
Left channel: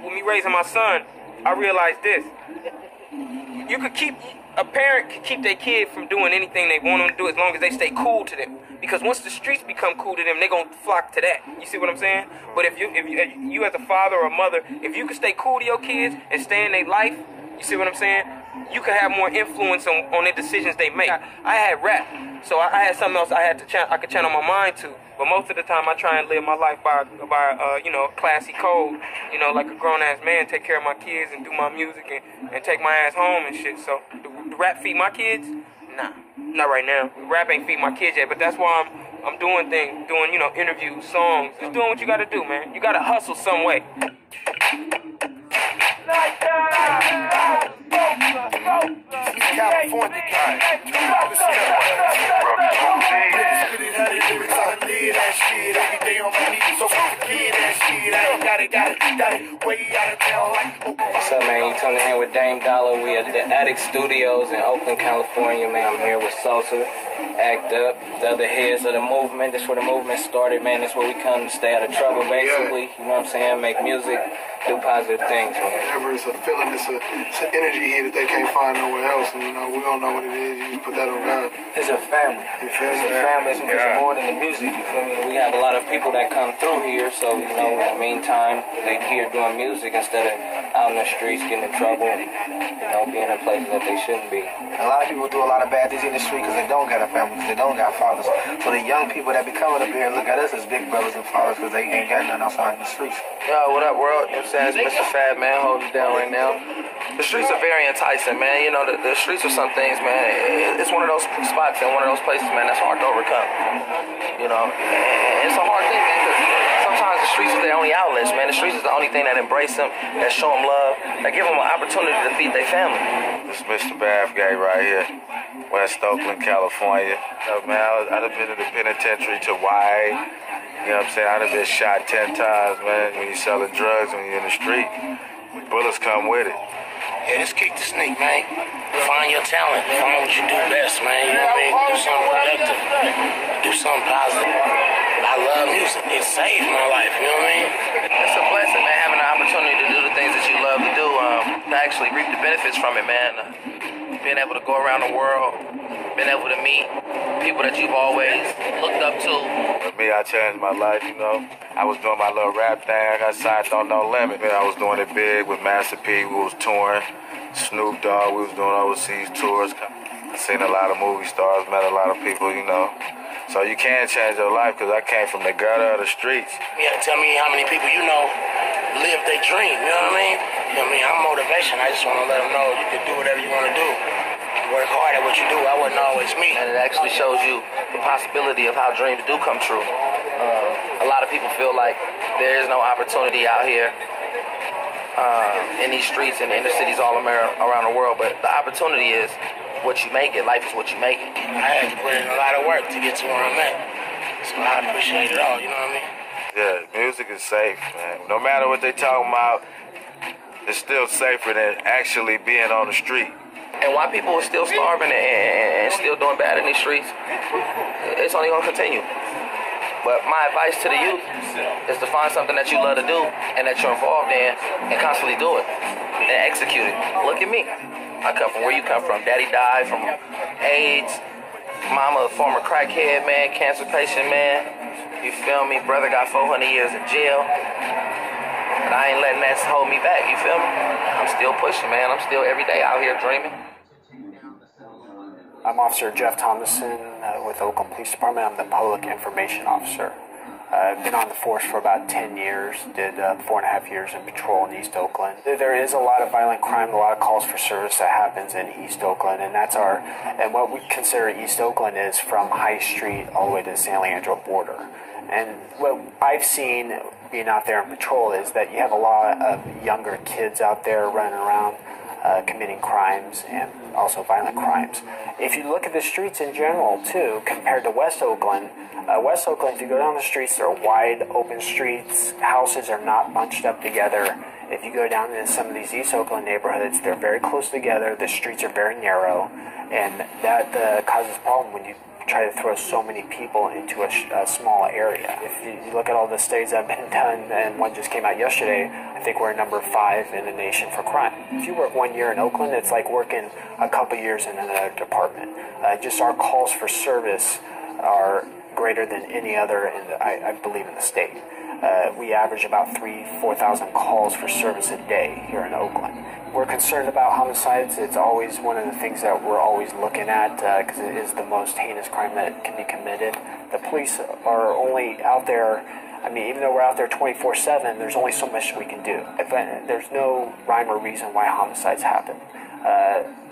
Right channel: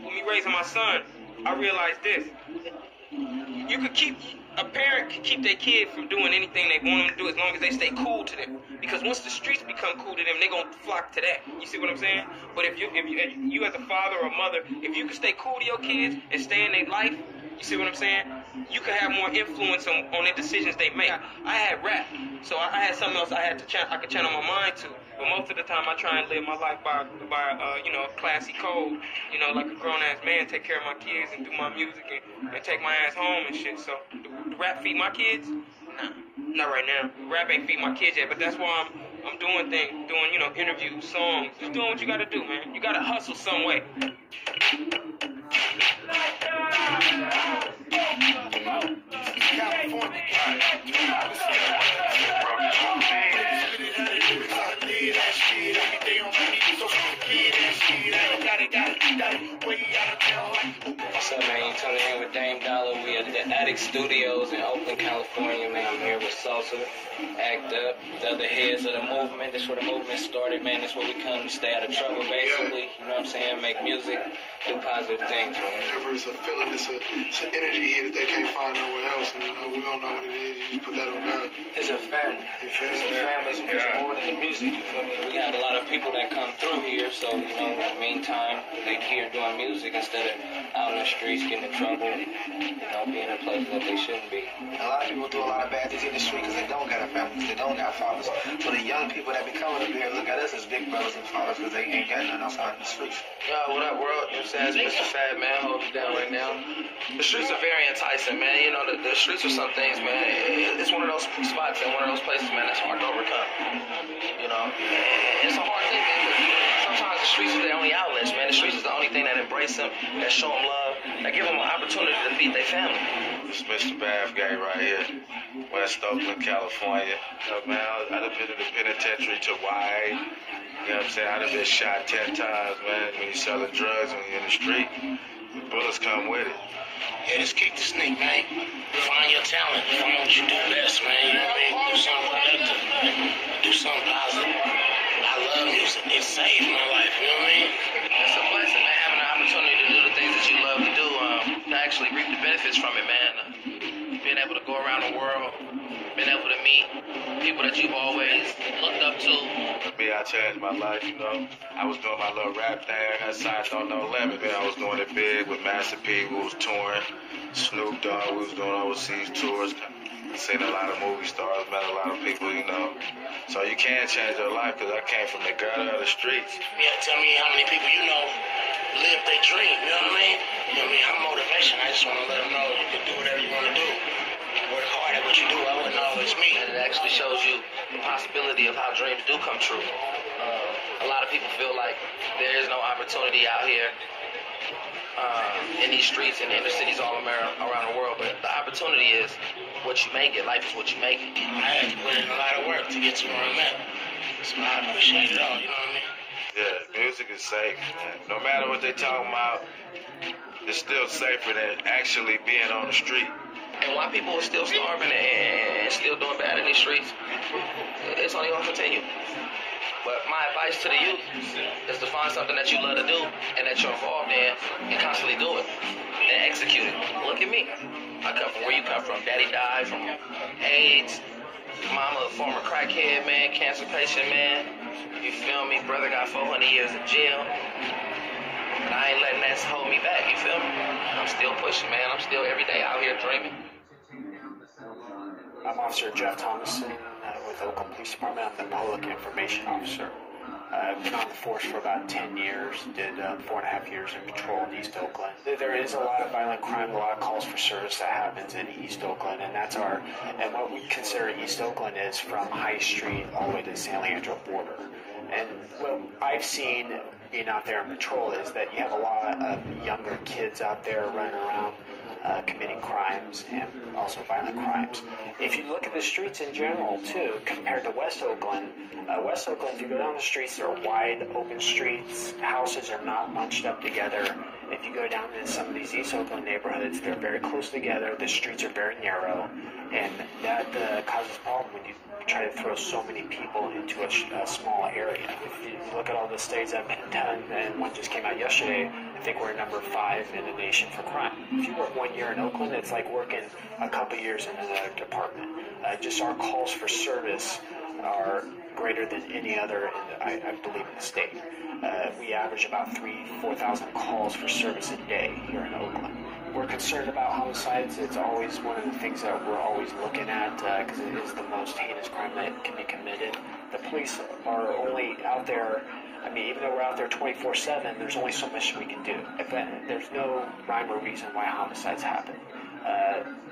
With me raising my son, I realized this. A parent can keep their kid from doing anything they want them to do as long as they stay cool to them. Because once the streets become cool to them, they're going to flock to that. You see what I'm saying? But if you as a father or a mother, if you can stay cool to your kids and stay in their life, you see what I'm saying? You can have more influence on the decisions they make. I had rap, so I had something else I could channel my mind to. But most of the time, I try and live my life by classy code. You know, like a grown ass man, take care of my kids and do my music and take my ass home and shit. So, the rap feed my kids? Nah, not right now. Rap ain't feed my kids yet. But that's why I'm doing things, interviews, songs, just doing what you gotta do, man. You gotta hustle some way. What's up, man? You tuning in with Dame Dollar. We at the Attic Studios in Oakland, California, man. I'm here with Sosa, Act Up, the other heads of the movement. That's where the movement started, man. That's where we come to stay out of trouble, basically. You know what I'm saying? Make music, do positive things, man. Whenever it's a feeling, it's an energy here that they can't find nowhere else. And, we don't know what it is. You just put that on God. It's a family. It's a family. It's more than the music, you feel me? We have a lot of people that come through here, so, in the meantime, they're here doing music instead of out in the streets getting in trouble, being in places that they shouldn't be. A lot of people do a lot of bad things in the street because they don't got a family, they don't got fathers. So the young people that be coming up here look at us as big brothers and fathers because they ain't got nothing outside in the streets. Yo, what up, world? You know what I'm saying? It's Mr. Fab, man, holding it down right now. The streets are very enticing, man. The streets are some things, man. It's one of those spots and one of those places, man, that's hard to overcome. And it's a hard thing, man, because sometimes the streets are their only outlets, man. The streets is the the only thing that embrace them, that show them love, that give them an opportunity to feed their family. This is Mr. Bath Guy right here, West Oakland, California. Man, I'd have been in the penitentiary to YA. You know what I'm saying? I'd have been shot 10 times, man. When you're selling drugs, when you're in the street, the bullets come with it. Yeah, just kick the snake, man. Find your talent. Find what you do best, man. You know what I mean? Do something productive. Do something positive. I love music. It saved my life, you know what I mean? It's a blessing, man, having the opportunity to do the things that you love to do, to actually reap the benefits from it, man. Being able to go around the world, being able to meet people that you've always looked up to. For me, I changed my life, you know. I was doing my little rap thing. I got signed on No Limit. Man, I was doing it big with Master P. We was touring. Snoop Dogg, we was doing overseas tours. I seen a lot of movie stars, met a lot of people, you know. So you can change your life, because I came from the gutter of the streets. Yeah, tell me how many people you know live their dream, you know what I mean? You know what I mean? I'm motivation. I just want to let them know you can do whatever you want to do. Work hard at what you do. I wasn't always me. And it actually shows you the possibility of how dreams do come true. A lot of people feel like there is no opportunity out here in these streets and inner cities all around the world, but the opportunity is what you make it. Life is what you make it. I had to put in a lot of work to get to where I'm at, so I appreciate it all, you know what I mean? Yeah, music is safe, man. No matter what they talking about, it's still safer than actually being on the street. And why people are still starving and still doing bad in these streets, it's only going to continue. But my advice to the youth is to find something that you love to do and that you're involved in and constantly do it and execute it. Look at me. I come from where you come from. Daddy died from AIDS. Mama, a former crackhead, man, cancer patient, man. You feel me? Brother got 400 years in jail. But I ain't letting that hold me back, you feel me? I'm still pushing, man. I'm still every day out here dreaming. I'm Officer Jeff Thomason with Oakland Police Department. I'm the Public Information Officer. I've been on the force for about 10 years, did 4.5 years in patrol in East Oakland. There is a lot of violent crime, a lot of calls for service that happens in East Oakland, and and what we consider East Oakland is from High Street all the way to the San Leandro border. And what I've seen being out there in patrol is that you have a lot of younger kids out there running around committing crimes and also violent crimes. If you look at the streets in general, too, compared to West Oakland, if you go down the streets, they're wide open streets. Houses are not bunched up together. If you go down into some of these East Oakland neighborhoods, they're very close together. The streets are very narrow, and that causes a problem when you try to throw so many people into a small area. If you look at all the studies that have been done, and one just came out yesterday, I think we're number 5 in the nation for crime. If you work 1 year in Oakland, it's like working a couple years in another department. Just our calls for service are greater than any other, I believe, in the state. We average about 4,000 calls for service a day here in Oakland. We're concerned about homicides. It's always one of the things that we're always looking at because it is the most heinous crime that can be committed. The police are only out there, even though we're out there 24/7, there's only so much we can do. There's no rhyme or reason why homicides happen.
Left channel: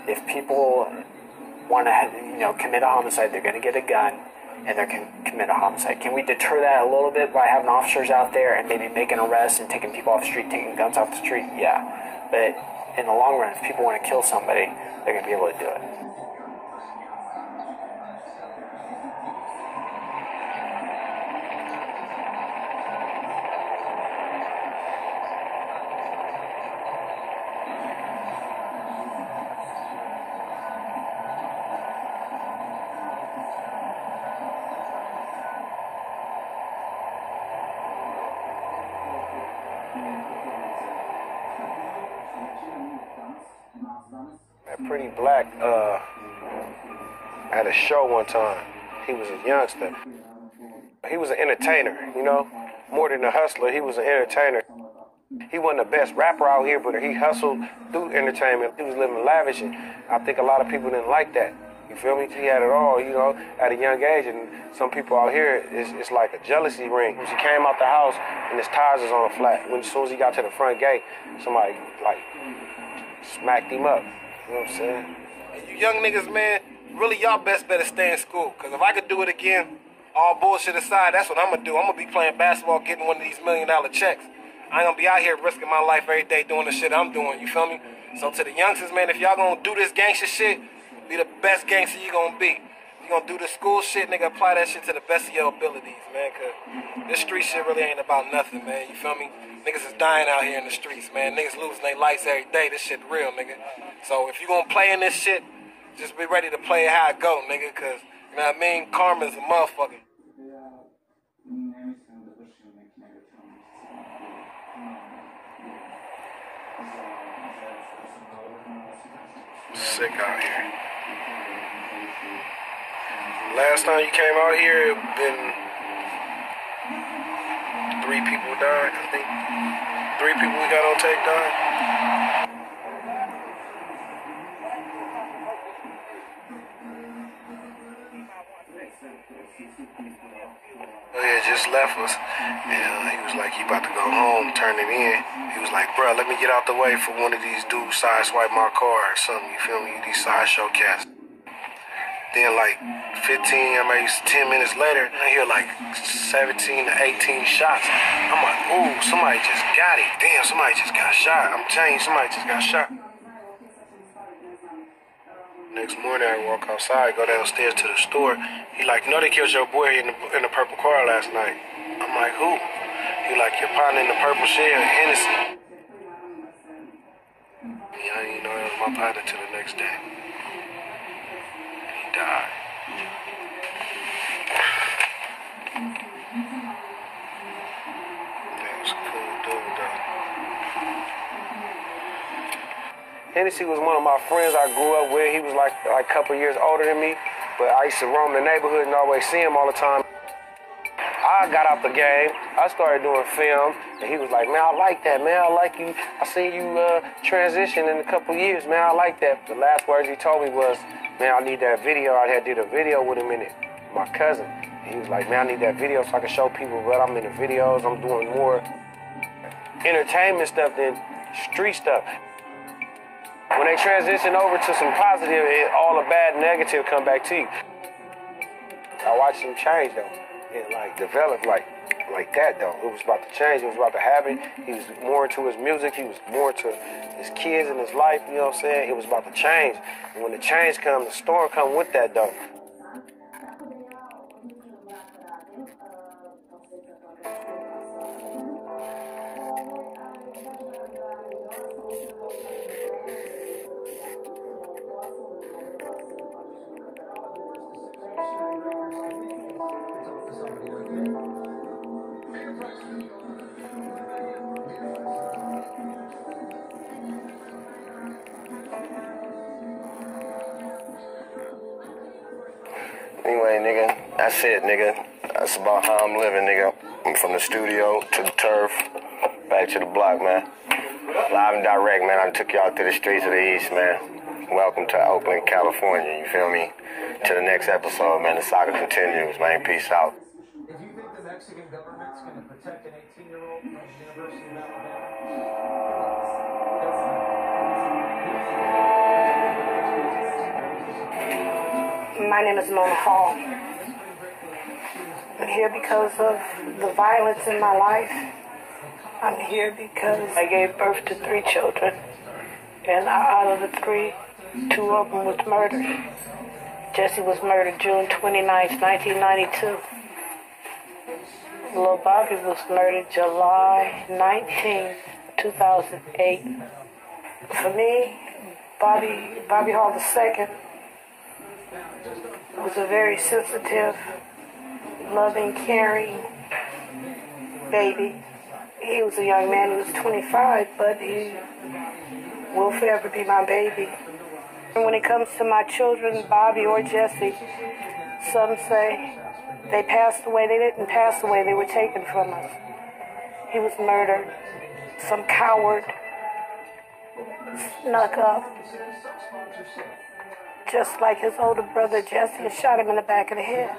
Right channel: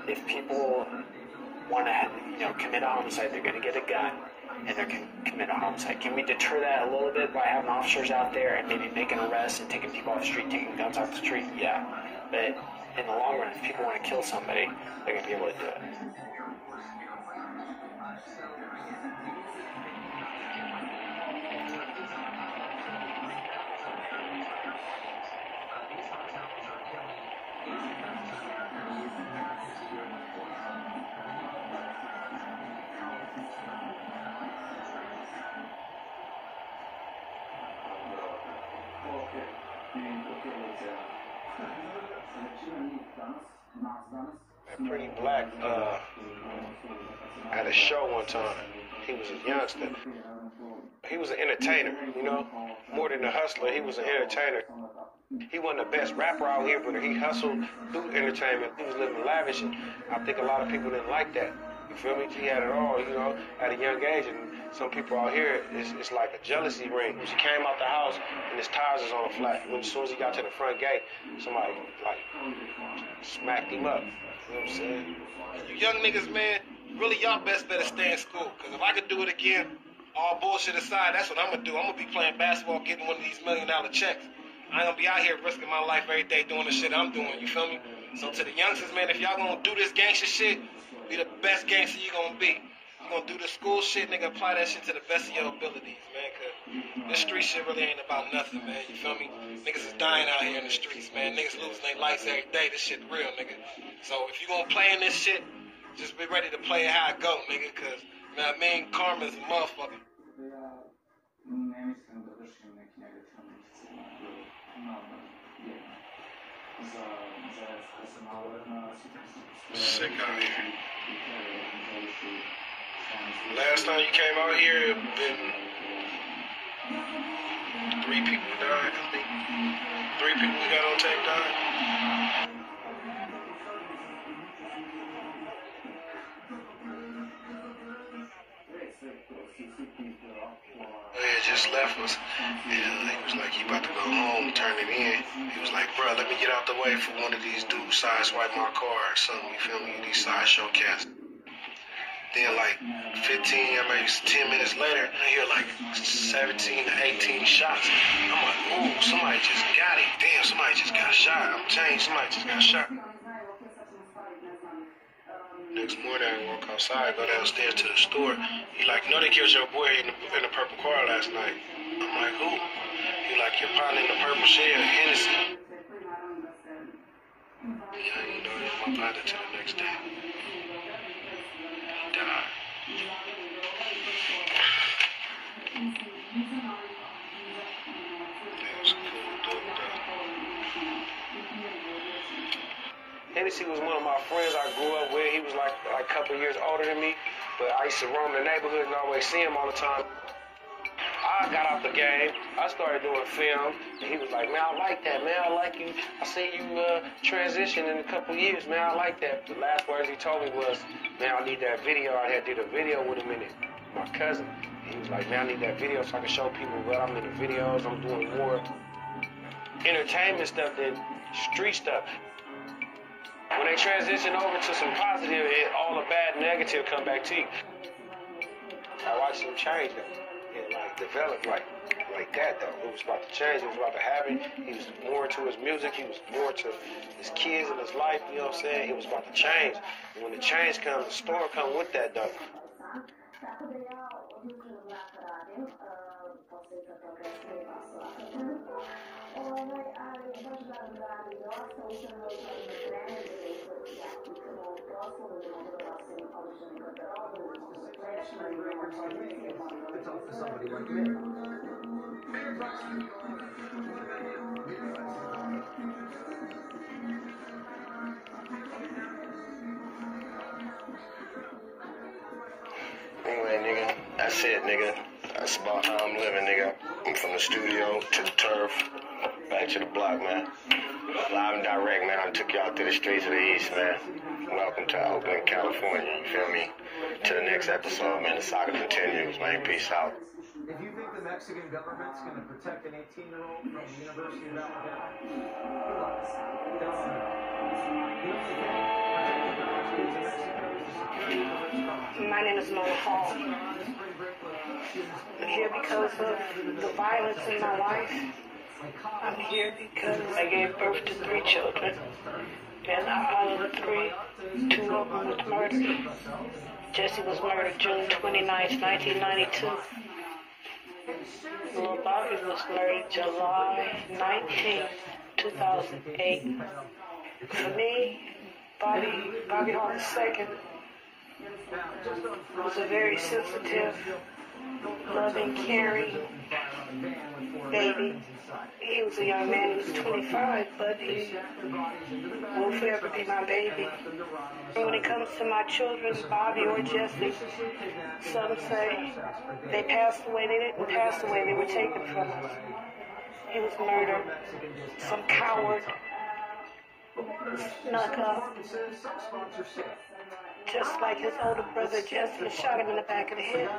If people want to, commit a homicide, they're going to get a gun and they're going to commit a homicide. Can we deter that a little bit by having officers out there and maybe making arrests and taking people off the street, taking guns off the street? Yeah. But in the long run, if people want to kill somebody, they're going to be able to do it. Pretty Black at a show one time. He was a youngster. He was an entertainer, more than a hustler. He was an entertainer. He wasn't the best rapper out here, but he hustled through entertainment. He was living lavish, and I think a lot of people didn't like that. You feel me? He had it all, at a young age, and some people out here, it's like a jealousy ring. When she came out the house, and his tires was on the flat. As soon as he got to the front gate, somebody, smacked him up. You know what I'm saying? You young niggas, man, really y'all best better stay in school. Because if I could do it again, all bullshit aside, that's what I'm going to do. I'm going to be playing basketball, getting one of these $1 million checks. I ain't gonna be out here risking my life every day doing the shit I'm doing, you feel me? So to the youngsters, man, if y'all gonna do this gangster shit, be the best gangster you gonna be. You gonna do the school shit, nigga, apply that shit to the best of your abilities, man, cause this street shit really ain't about nothing, man, you feel me? Niggas is dying out here in the streets, man. Niggas losing their lives every day. This shit real, nigga. So if you gonna play in this shit, just be ready to play it how it go, nigga, cause, you know what I mean? Karma's a motherfucker. Sick out here. Last time you came out here, it been 3 people died, I think. 3 people we got on tape died. Oh yeah, just left us. And he was like, he about to go home, turn it in. He was like, bro, let me get out the way for one of these dudes sideswipe my car or something, you feel me? These sideshow cats. Then like 15, maybe 10 minutes later, I hear like 17 to 18 shots. I'm like, ooh, somebody just got it. Damn, somebody just got shot. I'm telling you, somebody just got shot. Next morning, I walk outside, go downstairs to the store. He like, no, they killed your boy in the purple car last night. I'm like, who? He like, your partner in the purple shell, Hennessy. Yeah, I didn't know it was my partner till the next day. He died. That was a cool dude, though. Hennessy was one of my friends I grew up with. He was like a couple years older than me, but I used to roam the neighborhood and always see him all the time. I got out the game. I started doing film, and he was like, man, I like that, man. I like you. I seen you transition in a couple years, man. I like that. The last words he told me was, man, I need that video. I had did a video with him in it, my cousin. He was like, man, I need that video so I can show people what I'm in the videos. I'm doing more entertainment stuff than street stuff. When they transition over to some positive, all the bad negative come back to you. I watched him change, though. It, like, developed like that, though. It was about to change. It was about to happen. He was more into his music. He was more into his kids and his life, you know what I'm saying? It was about to change. And when the change comes, the storm comes with that, though. Anyway, nigga, that's it, nigga. That's about how I'm living, nigga. I'm from the studio to the turf, back to the block, man. Live and direct, man. I took y'all to the streets of the East, man. Welcome to Oakland, California, you feel me? To the next episode, man. The saga continues, man. Peace out. If you think the Mexican government's going to protect an 18-year-old from the University of Alabama, my name is Mona Hall. I'm here because of the violence in my life. I'm here because I gave birth to 3 children. And out of the 3, 2 of them was murdered. Jesse was murdered June 29th, 1992. Little Bobby was murdered July 19th, 2008. For me, Bobby Hall II was a very sensitive, loving, caring baby. He was a young man, he was 25, but he will forever be my baby. And when it comes to my children, Bobby or Jesse, some say they passed away. They didn't pass away, they were taken from us. He was murdered. Some coward snuck up, just like his older brother Jesse, and shot him in the back of the head.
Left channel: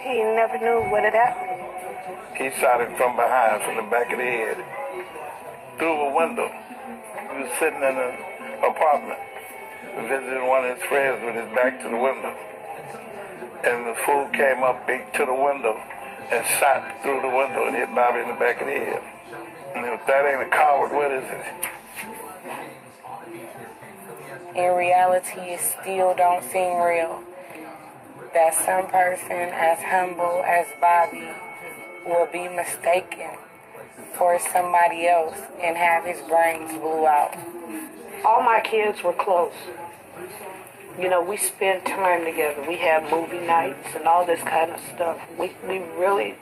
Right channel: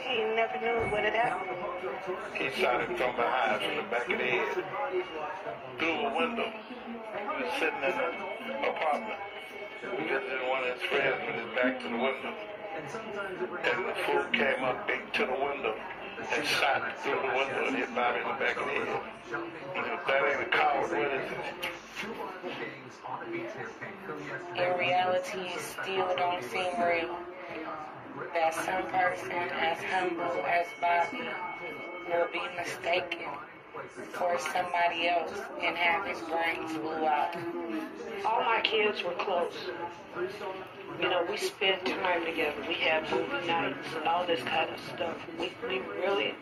He never knew what had happened. He shot him from behind, from the back of the head, through a window. He was sitting in an apartment, visiting one of his friends with his back to the window. And the fool came up, beat to the window, and shot through the window and hit Bobby in the back of the head. And if that ain't a coward, what is it? In reality, it still don't seem real that some person as humble as Bobby will be mistaken for somebody else and have his brains blew out. All my kids were close. You know, we spend time together. We have movie nights and all this kind of stuff. We really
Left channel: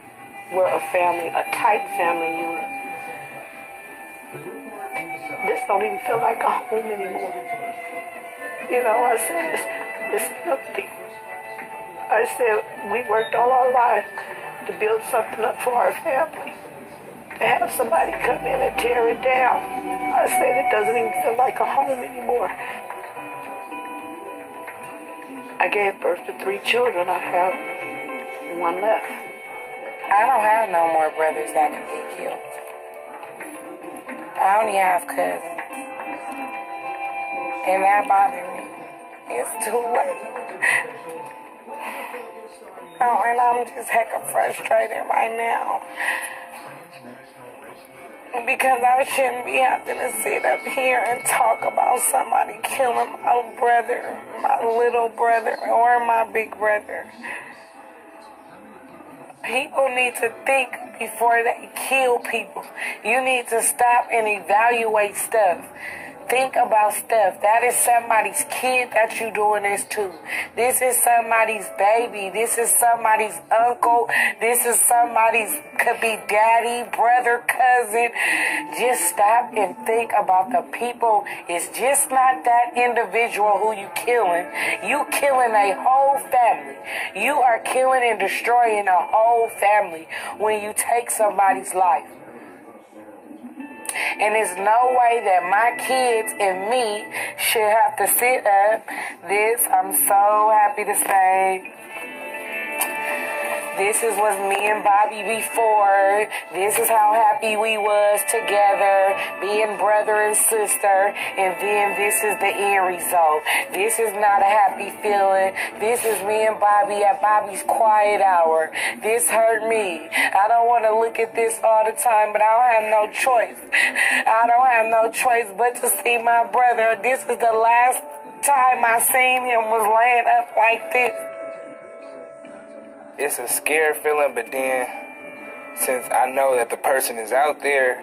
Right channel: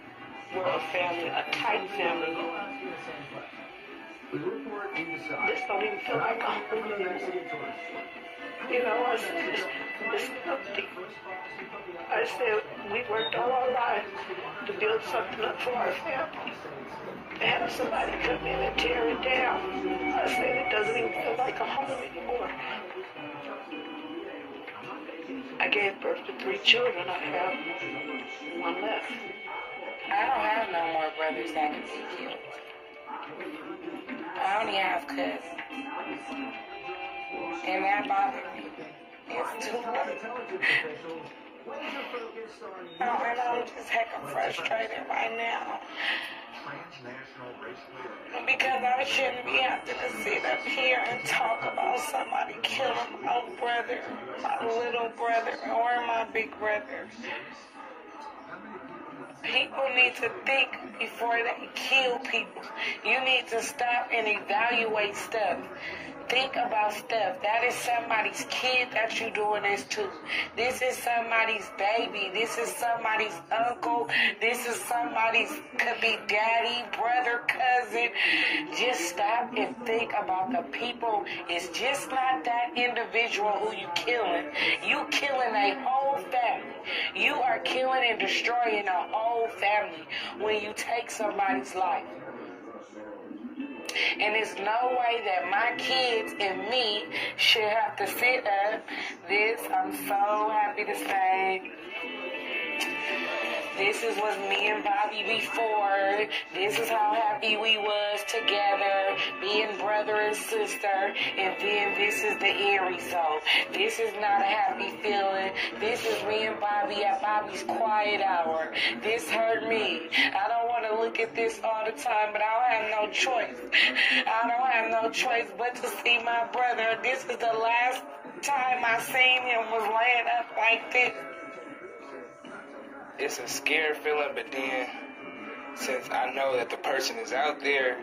were a family, a tight family unit. This don't even feel like a home anymore. You know, I said, it's empty. I said, we worked all our lives to build something up for our family. To have somebody come in and tear it down. I said, it doesn't even feel like a home anymore. I gave birth to 3 children. I have 1 left. I don't have no more brothers that can get killed. I only have cousins. And that bothers me. It's too late. And I'm just hecka frustrated right now. Because I shouldn't be having to sit up here and talk about somebody killing my brother, my little brother, or my big brother. People need to think before they kill people. You need to stop and evaluate stuff. Think about stuff. That is somebody's kid that you're doing this to. This is somebody's baby. This is somebody's uncle. This is somebody's, could be daddy, brother, cousin. Just stop and think about the people. It's just not that individual who you killing. You killing a whole family. You are killing and destroying a whole family when you take somebody's life. And there's no way that my kids and me should have to sit up. I'm so happy to say, this is was me and Bobby before. This is how happy we was together, being brother and sister. And then this is the end result. This is not a happy feeling. This is me and Bobby at Bobby's quiet hour. This hurt me. I don't want to look at this all the time, but I don't have no choice. I don't have no choice but to see my brother. This is the last time I seen him was laying up like this. It's a scary feeling, but then since I know that the person is out there,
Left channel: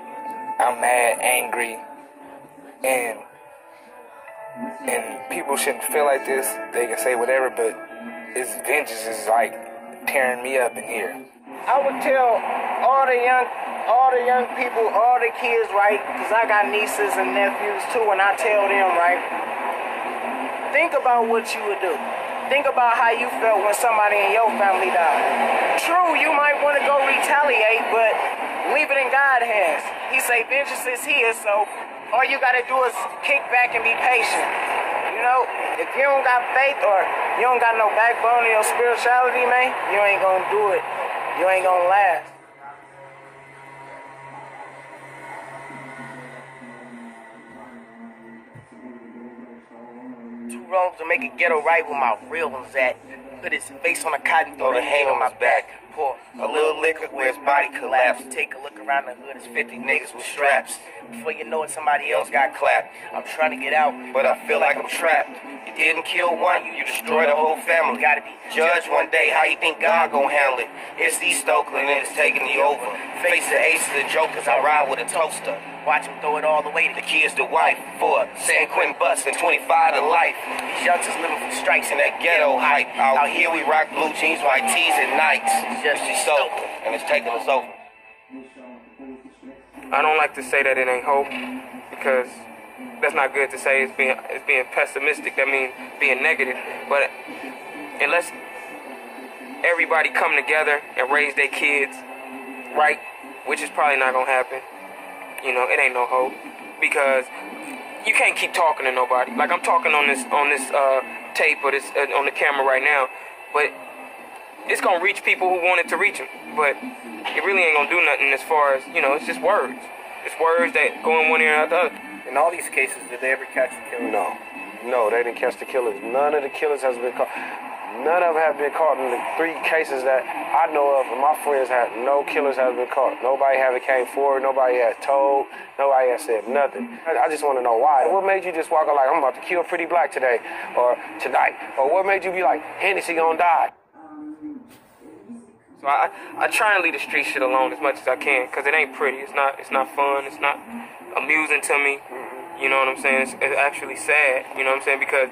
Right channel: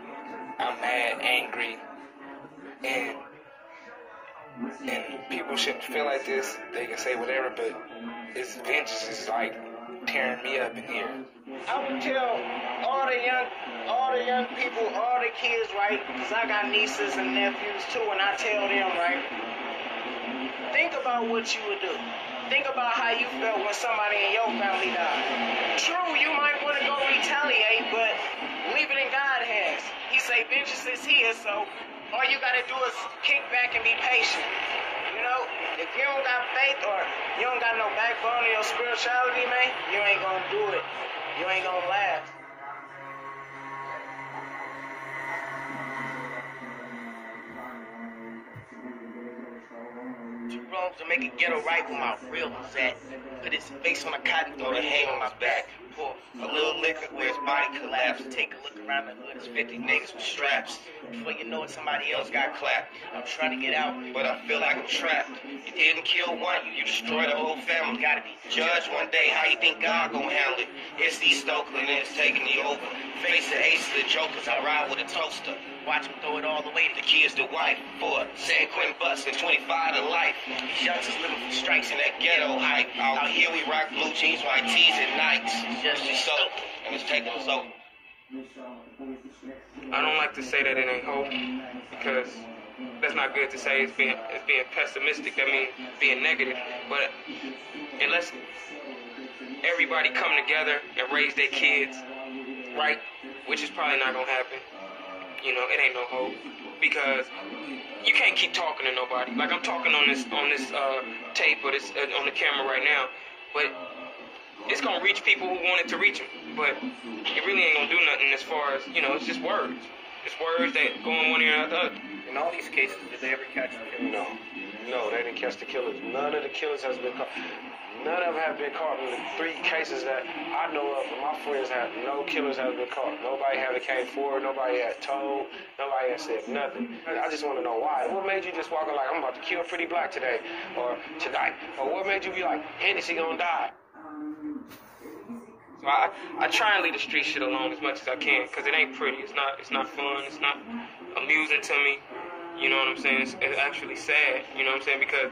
I'm mad, angry, and people shouldn't feel like this. They can say whatever, but this vengeance is like tearing me up in here. I would tell all the young people, all the kids, right, because I got nieces and nephews too, and I tell them, right, think about what you would do. Think about how you felt when somebody in your family died. True, you might want to go retaliate, but leave it in God's hands. He say vengeance is his, so all you got to do is kick back and be patient. You know, if you don't got faith or you don't got no backbone in your spirituality, man, you ain't going to do it. You ain't going to last. Wrongs to make a ghetto right where my real one's at. Put his face on a cotton throw to hang on my back. Pour a little liquor where his body collapsed. Take a look around the hood, it's 50 niggas with straps. Before you know it, somebody else got clapped. I'm trying to get out, but I feel like I'm trapped. You didn't kill one, you destroyed the whole family. Gotta be judged one day, how you think God gon' handle it? It's East Oakland and it's taking me over. Face the ace of the jokers, I ride with a toaster. Watch him throw it all the way to the kids, the wife. For San Quentin bus and 25 to life. These youngsters living for strikes in that ghetto hype. Out here we rock blue jeans, white tees at nights. Just so, and it's taking us over. I don't like to say that it ain't hope, because that's not good to say. It's being pessimistic. That means being negative. But unless everybody come together and raise their kids right, which is probably not gonna happen, you know, it ain't no hope, because you can't keep talking to nobody. Like I'm talking on this tape or this on the camera right now, but it's gonna reach people who want it to reach them. But it really ain't gonna do nothing as far as, you know, it's just words. It's words that go in one ear and out the other. In all these cases, did they ever catch the killer? No, they didn't catch the killers. None of the killers has been caught. None of them have been caught in the 3 cases that I know of. And my friends had no killers have been caught. Nobody haven't came forward. Nobody had told. Nobody has said nothing. I just want to know why. What made you just walk out like, I'm about to kill Pretty Black today or tonight? Or what made you be like, Hennessy gonna die? So I try and leave the street shit alone as much as I can, because it ain't pretty. It's not fun. It's not amusing to me. You know what I'm saying? It's actually sad. You know what I'm saying? Because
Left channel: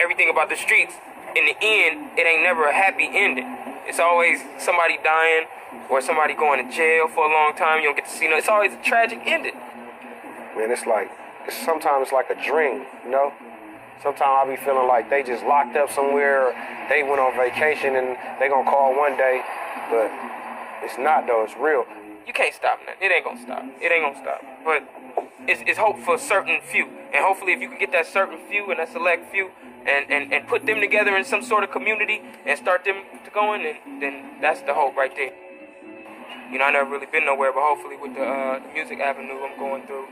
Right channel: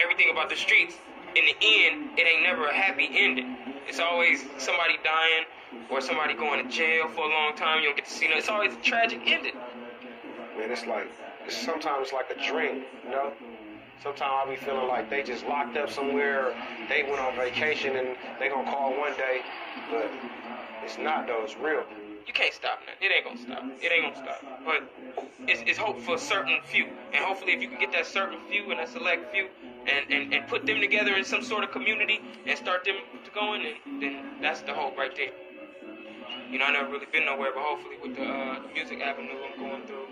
everything about the streets, in the end, it ain't never a happy ending. It's always somebody dying or somebody going to jail for a long time. You don't get to see no. It's always a tragic ending. Man, sometimes it's like a dream, you know? Sometimes I be feeling like they just locked up somewhere, or they went on vacation and they gonna call one day, but it's not though, it's real. You can't stop that. It ain't gonna stop. It ain't gonna stop. But it's hope for a certain few. And hopefully if you can get that certain few and that select few and put them together in some sort of community and start them to going, then that's the hope right there. You know, I never really been nowhere, but hopefully with the music avenue I'm going through,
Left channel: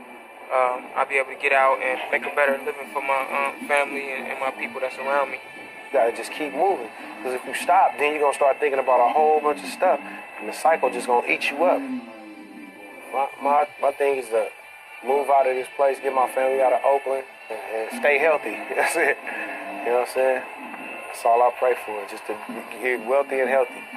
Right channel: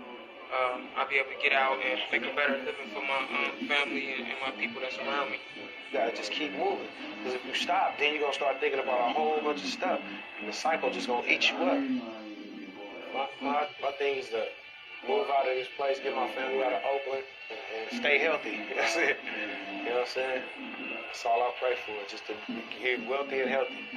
I'll be able to get out and make a better living for my family and my people that's around me. You gotta just keep moving. Because if you stop, then you're gonna start thinking about a whole bunch of stuff. And the cycle just gonna eat you up. My thing is to move out of this place, get my family out of Oakland, and stay healthy. That's it. You know what I'm saying? That's all I pray for, just to get wealthy and healthy.